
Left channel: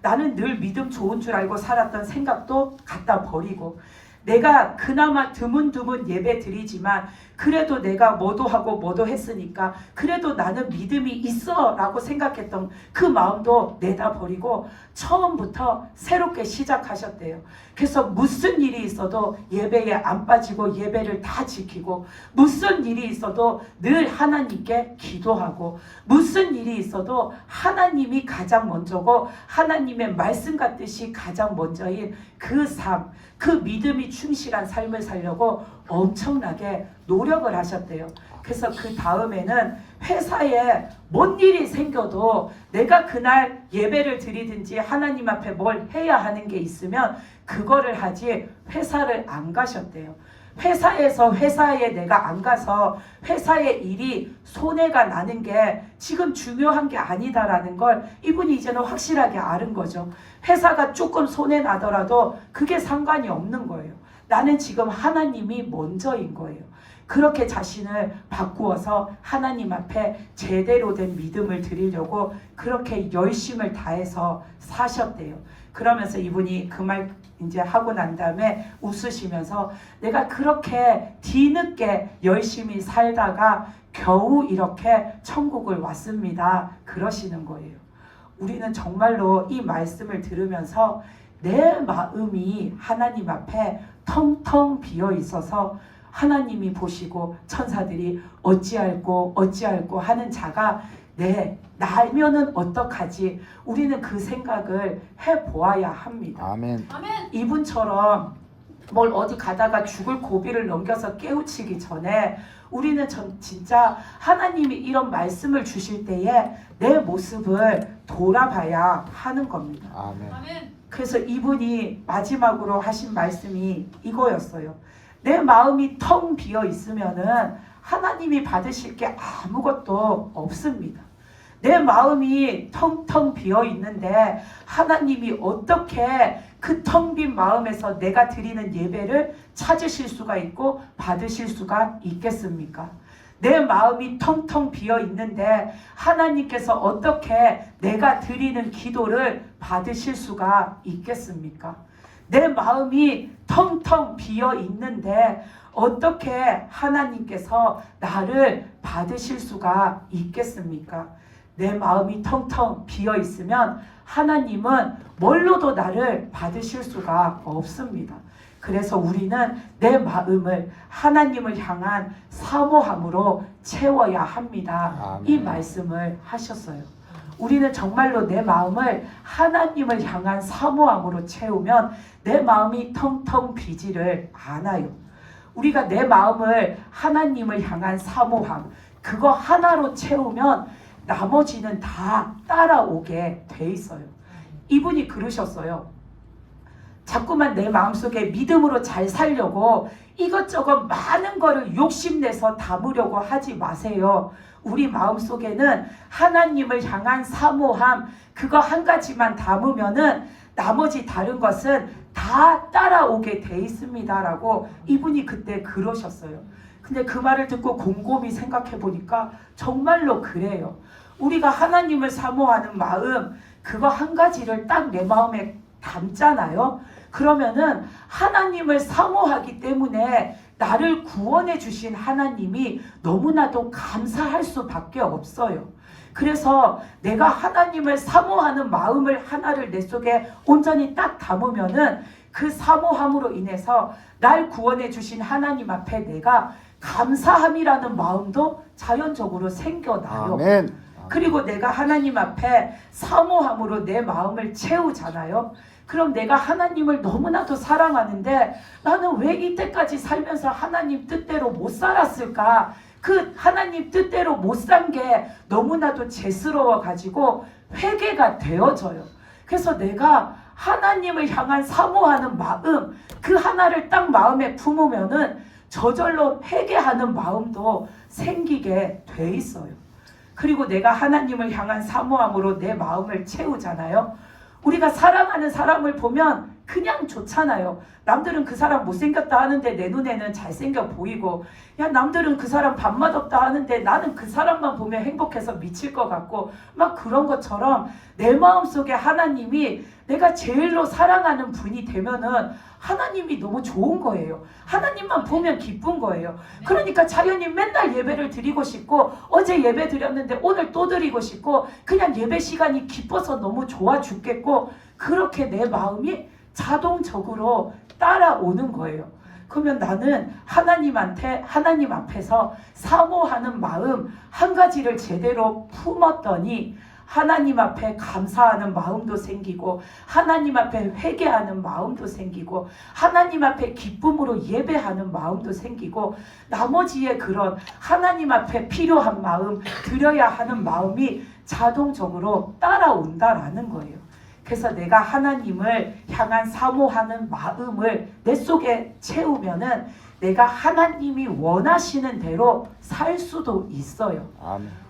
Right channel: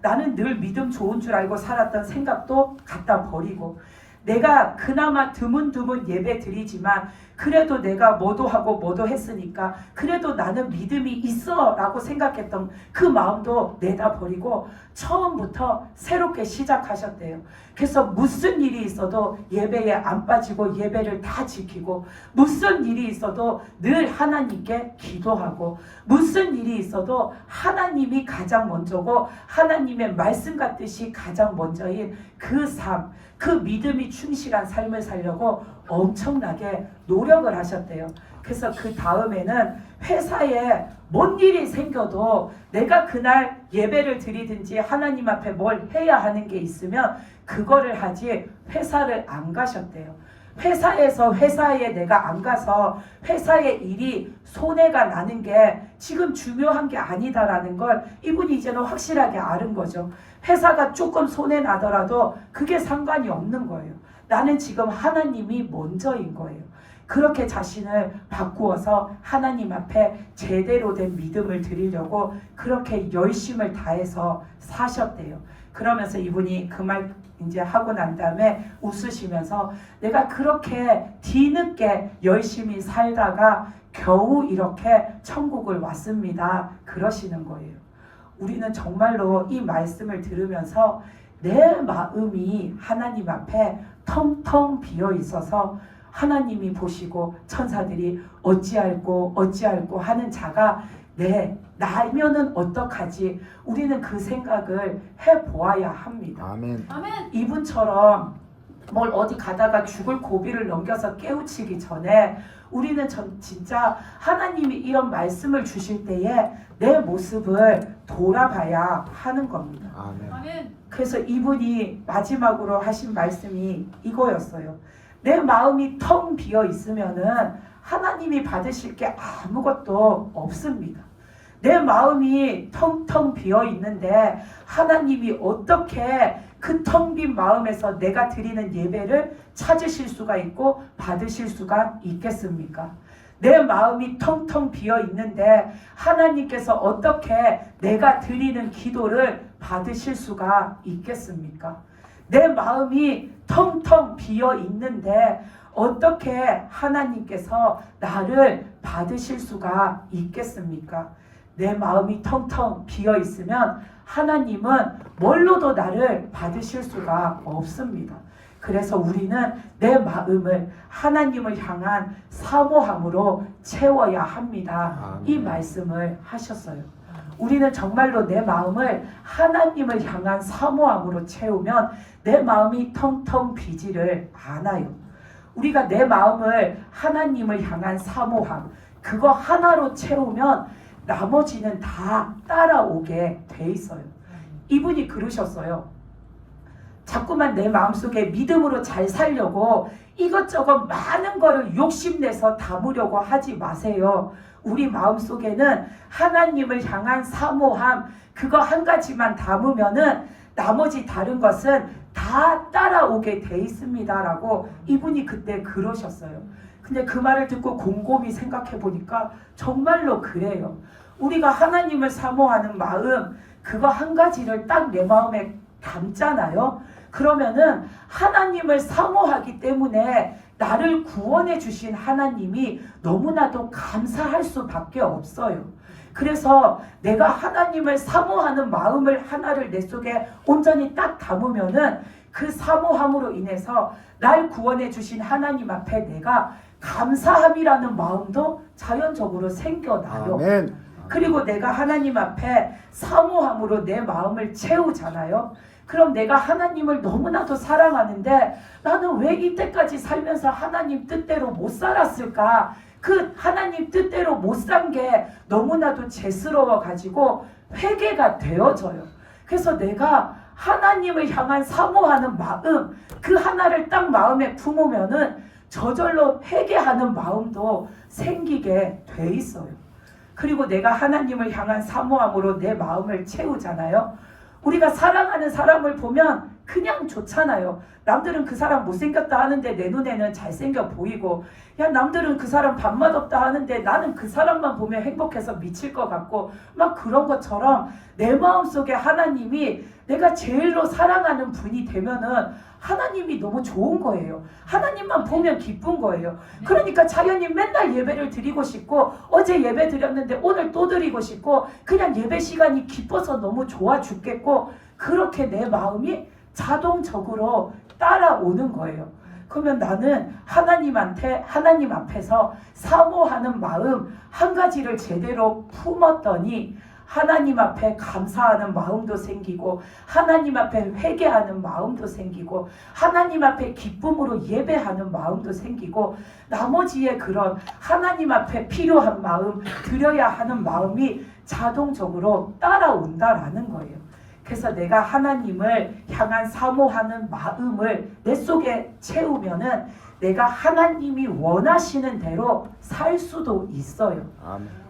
나는 늘 믿음 좋은 줄 알고 살았던 생각도 갖다 버리고 내가 그나마 드문드문 예배 드리지만 그래도 내가 뭐도 하고 뭐도 했으니까 그래도 나는 믿음이 있어 라고 생각했던 그 마음도 내다버리고 처음부터 새롭게 시작하셨대요. 그래서 무슨 일이 있어도 예배에 안 빠지고 예배를 다 지키고, 무슨 일이 있어도 늘 하나님께 기도하고, 무슨 일이 있어도 하나님이 가장 먼저고 하나님의 말씀 같듯이 가장 먼저인 그 삶, 그 믿음이 충실한 삶을 살려고 엄청나게 노력을 하셨대요. 그래서 그 다음에는 회사에 뭔 일이 생겨도 내가 그날 예배를 드리든지 하나님 앞에 뭘 해야 하는 게 있으면 그거를 하지 회사를 안 가셨대요. 회사에 내가 안 가서 회사의 일이 손해가 나는 게 지금 중요한 게 아니다라는 걸 이분이 이제는 확실하게 아는 거죠. 회사가 조금 손해 나더라도 그게 상관이 없는 거예요. 나는 지금 하나님이 먼저인 거예요. 그렇게 자신을 바꾸어서 하나님 앞에 제대로 된 믿음을 드리려고 그렇게 열심을 다해서 사셨대요. 그러면서 이분이 그 말 이제 하고 난 다음에 웃으시면서 내가 그렇게 뒤늦게 열심히 살다가 겨우 이렇게 천국을 왔습니다. 그러시는 거예요. 우리는 정말로 이 말씀을 들으면서 내 마음이 하나님 앞에 텅텅 비어 있어서 하나님이 보시고 천사들이 어찌할꼬 하는 자가 나면은 어떡하지? 우리는 그 생각을 해보아야 합니다. 아멘. 이분처럼 뭘 어디 가다가 죽을 고비를 넘겨서 깨우치기 전에 우리는 진짜 하나님이 이런 말씀을 주실 때에 내 모습을 돌아봐야 하는 겁니다. 아멘. 그래서 이분이 마지막으로 하신 말씀이 이거였어요. 내 마음이 텅 비어 있으면은 하나님이 받으실 게 아무것도 없습니다. 내 마음이 텅텅 비어 있는데 하나님이 어떻게 그 텅 빈 마음에서 내가 드리는 예배를 찾으실 수가 있고 받으실 수가 있겠습니까? 내 마음이 텅텅 비어 있는데 하나님께서 어떻게 내가 드리는 기도를 받으실 수가 있겠습니까? 내 마음이 텅텅 비어 있는데 어떻게 하나님께서 나를 받으실 수가 있겠습니까? 내 마음이 텅텅 비어 있으면 하나님은 뭘로도 나를 받으실 수가 없습니다. 그래서 우리는 내 마음을 하나님을 향한 사모함으로 채워야 합니다. 이 말씀을 하셨어요. 우리는 정말로 내 마음을 하나님을 향한 사모함으로 채우면 내 마음이 텅텅 비지를 않아요. 우리가 내 마음을 하나님을 향한 사모함, 그거 하나로 채우면 나머지는 다 따라오게 돼 있어요. 이분이 그러셨어요. 자꾸만 내 마음속에 믿음으로 잘 살려고 이것저것 많은 거를 욕심내서 담으려고 하지 마세요. 우리 마음속에는 하나님을 향한 사모함, 그거 한 가지만 담으면은 나머지 다른 것은 다 따라오게 돼 있습니다 라고 이분이 그때 그러셨어요. 근데 그 말을 듣고 곰곰이 생각해 보니까 정말로 그래요. 우리가 하나님을 사모하는 마음, 그거 한 가지를 딱 내 마음에 담잖아요. 그러면은 하나님을 사모하기 때문에 나를 구원해 주신 하나님이 너무나도 감사할 수밖에 없어요. 그래서 내가 하나님을 사모하는 마음을 하나를 내 속에 온전히 딱 담으면은 그 사모함으로 인해서 날 구원해 주신 하나님 앞에 내가 감사함이라는 마음도 자연적으로 생겨나요. 아멘. 그리고 내가 하나님 앞에 사모함으로 내 마음을 채우잖아요. 그럼 내가 하나님을 너무나도 사랑하는데 나는 왜 이때까지 살면서 하나님 뜻대로 못 살았을까? 그 하나님 뜻대로 못 산 게 너무나도 죄스러워 가지고 회개가 되어져요. 그래서 내가 하나님을 향한 사모하는 마음, 그 하나를 딱 마음에 품으면은 저절로 회개하는 마음도 생기게 돼 있어요. 그리고 내가 하나님을 향한 사모함으로 내 마음을 채우잖아요. 우리가 사랑하는 사람을 보면 그냥 좋잖아요. 남들은 그 사람 못생겼다 하는데 내 눈에는 잘생겨 보이고, 야 남들은 그 사람 밥맛없다 하는데 나는 그 사람만 보면 행복해서 미칠 것 같고, 막 그런 것처럼 내 마음속에 하나님이 내가 제일로 사랑하는 분이 되면은 하나님이 너무 좋은 거예요. 하나님만 보면 기쁜 거예요. 그러니까 자연히 맨날 예배를 드리고 싶고, 어제 예배 드렸는데 오늘 또 드리고 싶고, 그냥 예배 시간이 기뻐서 너무 좋아 죽겠고, 그렇게 내 마음이 자동적으로 따라오는 거예요. 그러면 나는 하나님 앞에서 사모하는 마음 한 가지를 제대로 품었더니 하나님 앞에 감사하는 마음도 생기고, 하나님 앞에 회개하는 마음도 생기고, 하나님 앞에 기쁨으로 예배하는 마음도 생기고, 나머지의 그런 하나님 앞에 필요한 마음, 드려야 하는 마음이 자동적으로 따라온다라는 거예요. 그래서 내가 하나님을 향한 사모하는 마음을 내 속에 채우면은 내가 하나님이 원하시는 대로 살 수도 있어요.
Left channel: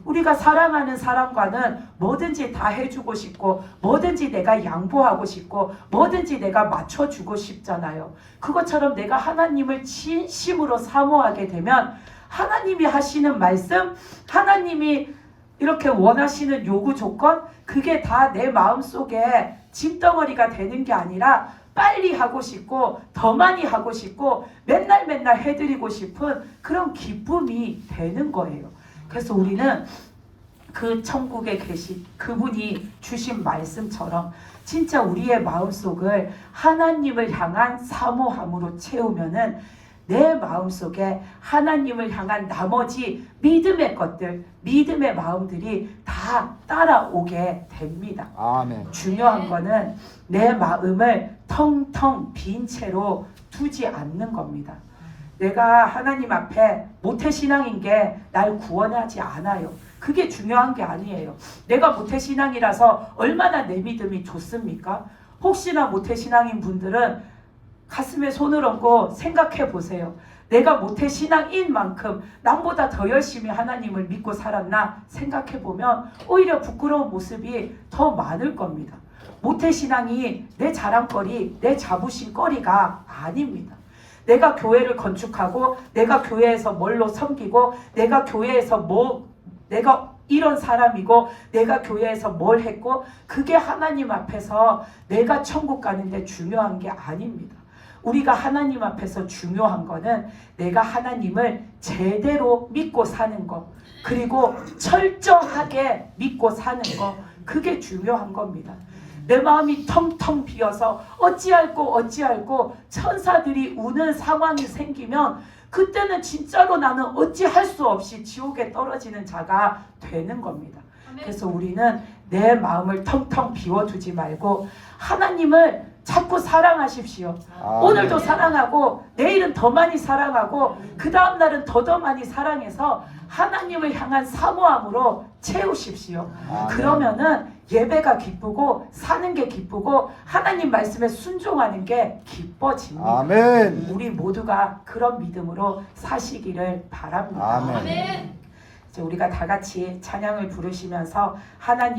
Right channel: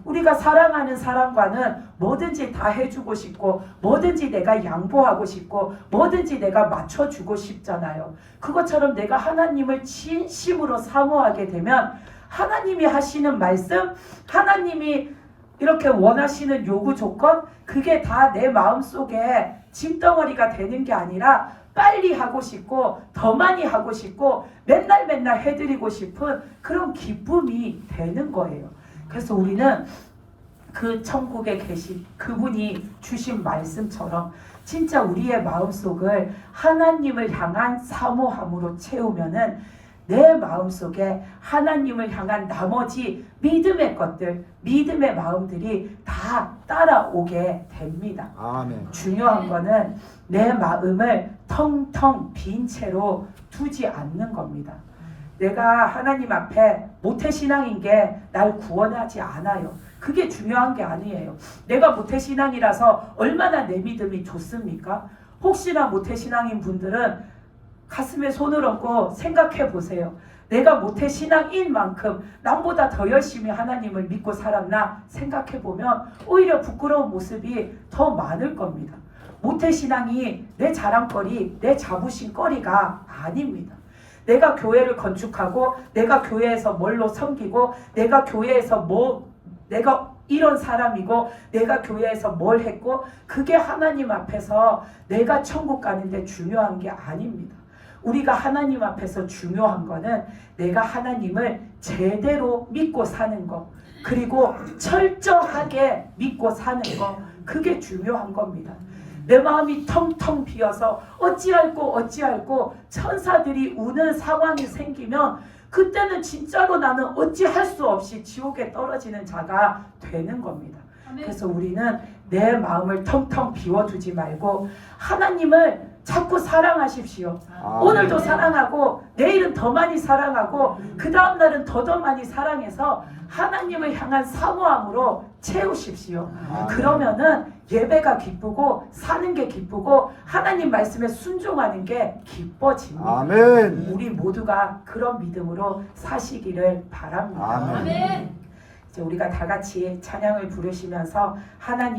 우리가 사랑하는 사람과는 뭐든지 다 해주고 싶고, 뭐든지 내가 양보하고 싶고, 뭐든지 내가 맞춰주고 싶잖아요. 그것처럼 내가 하나님을 진심으로 사모하게 되면 하나님이 하시는 말씀, 하나님이 이렇게 원하시는 요구 조건, 그게 다 내 마음속에 짐덩어리가 되는 게 아니라 빨리 하고 싶고, 더 많이 하고 싶고, 맨날 해드리고 싶은 그런 기쁨이 되는 거예요. 그래서 우리는 그 천국에 계신 그분이 주신 말씀처럼 진짜 우리의 마음속을 하나님을 향한 사모함으로 채우면은 내 마음속에 하나님을 향한 나머지 믿음의 것들, 믿음의 마음들이 다 따라오게 됩니다. 아멘. 중요한 거는 내 마음을 텅텅 빈 채로 두지 않는 겁니다. 내가 하나님 앞에 모태신앙인 게 날 구원하지 않아요. 그게 중요한 게 아니에요. 내가 모태신앙이라서 얼마나 내 믿음이 좋습니까? 혹시나 모태신앙인 분들은 가슴에 손을 얹고 생각해 보세요. 내가 모태신앙인 만큼 남보다 더 열심히 하나님을 믿고 살았나 생각해 보면 오히려 부끄러운 모습이 더 많을 겁니다. 모태신앙이 내 자랑거리, 내 자부심거리가 아닙니다. 내가 교회를 건축하고, 내가 교회에서 뭘로 섬기고, 내가 교회에서 내가 이런 사람이고, 내가 교회에서 뭘 했고, 그게 하나님 앞에서 내가 천국 가는데 중요한 게 아닙니다. 우리가 하나님 앞에서 중요한 거는 내가 하나님을 제대로 믿고 사는 거, 그리고 철저하게 믿고 사는 거, 그게 중요한 겁니다. 내 마음이 텅텅 비어서 어찌할꼬 천사들이 우는 상황이 생기면 그때는 진짜로 나는 어찌할 수 없이 지옥에 떨어지는 자가 되는 겁니다. 그래서 우리는 내 마음을 텅텅 비워두지 말고 하나님을 자꾸 사랑하십시오. 오늘도 사랑하고, 내일은 더 많이 사랑하고, 그 다음 날은 더 많이 사랑해서 하나님을 향한 사모함으로 채우십시오. 그러면은 예배가 기쁘고, 사는 게 기쁘고, 하나님 말씀에 순종하는 게 기뻐집니다. 아멘. 우리 모두가 그런 믿음으로 사시기를 바랍니다. 아멘. 이제 우리가 다 같이 찬양을 부르시면서 하나님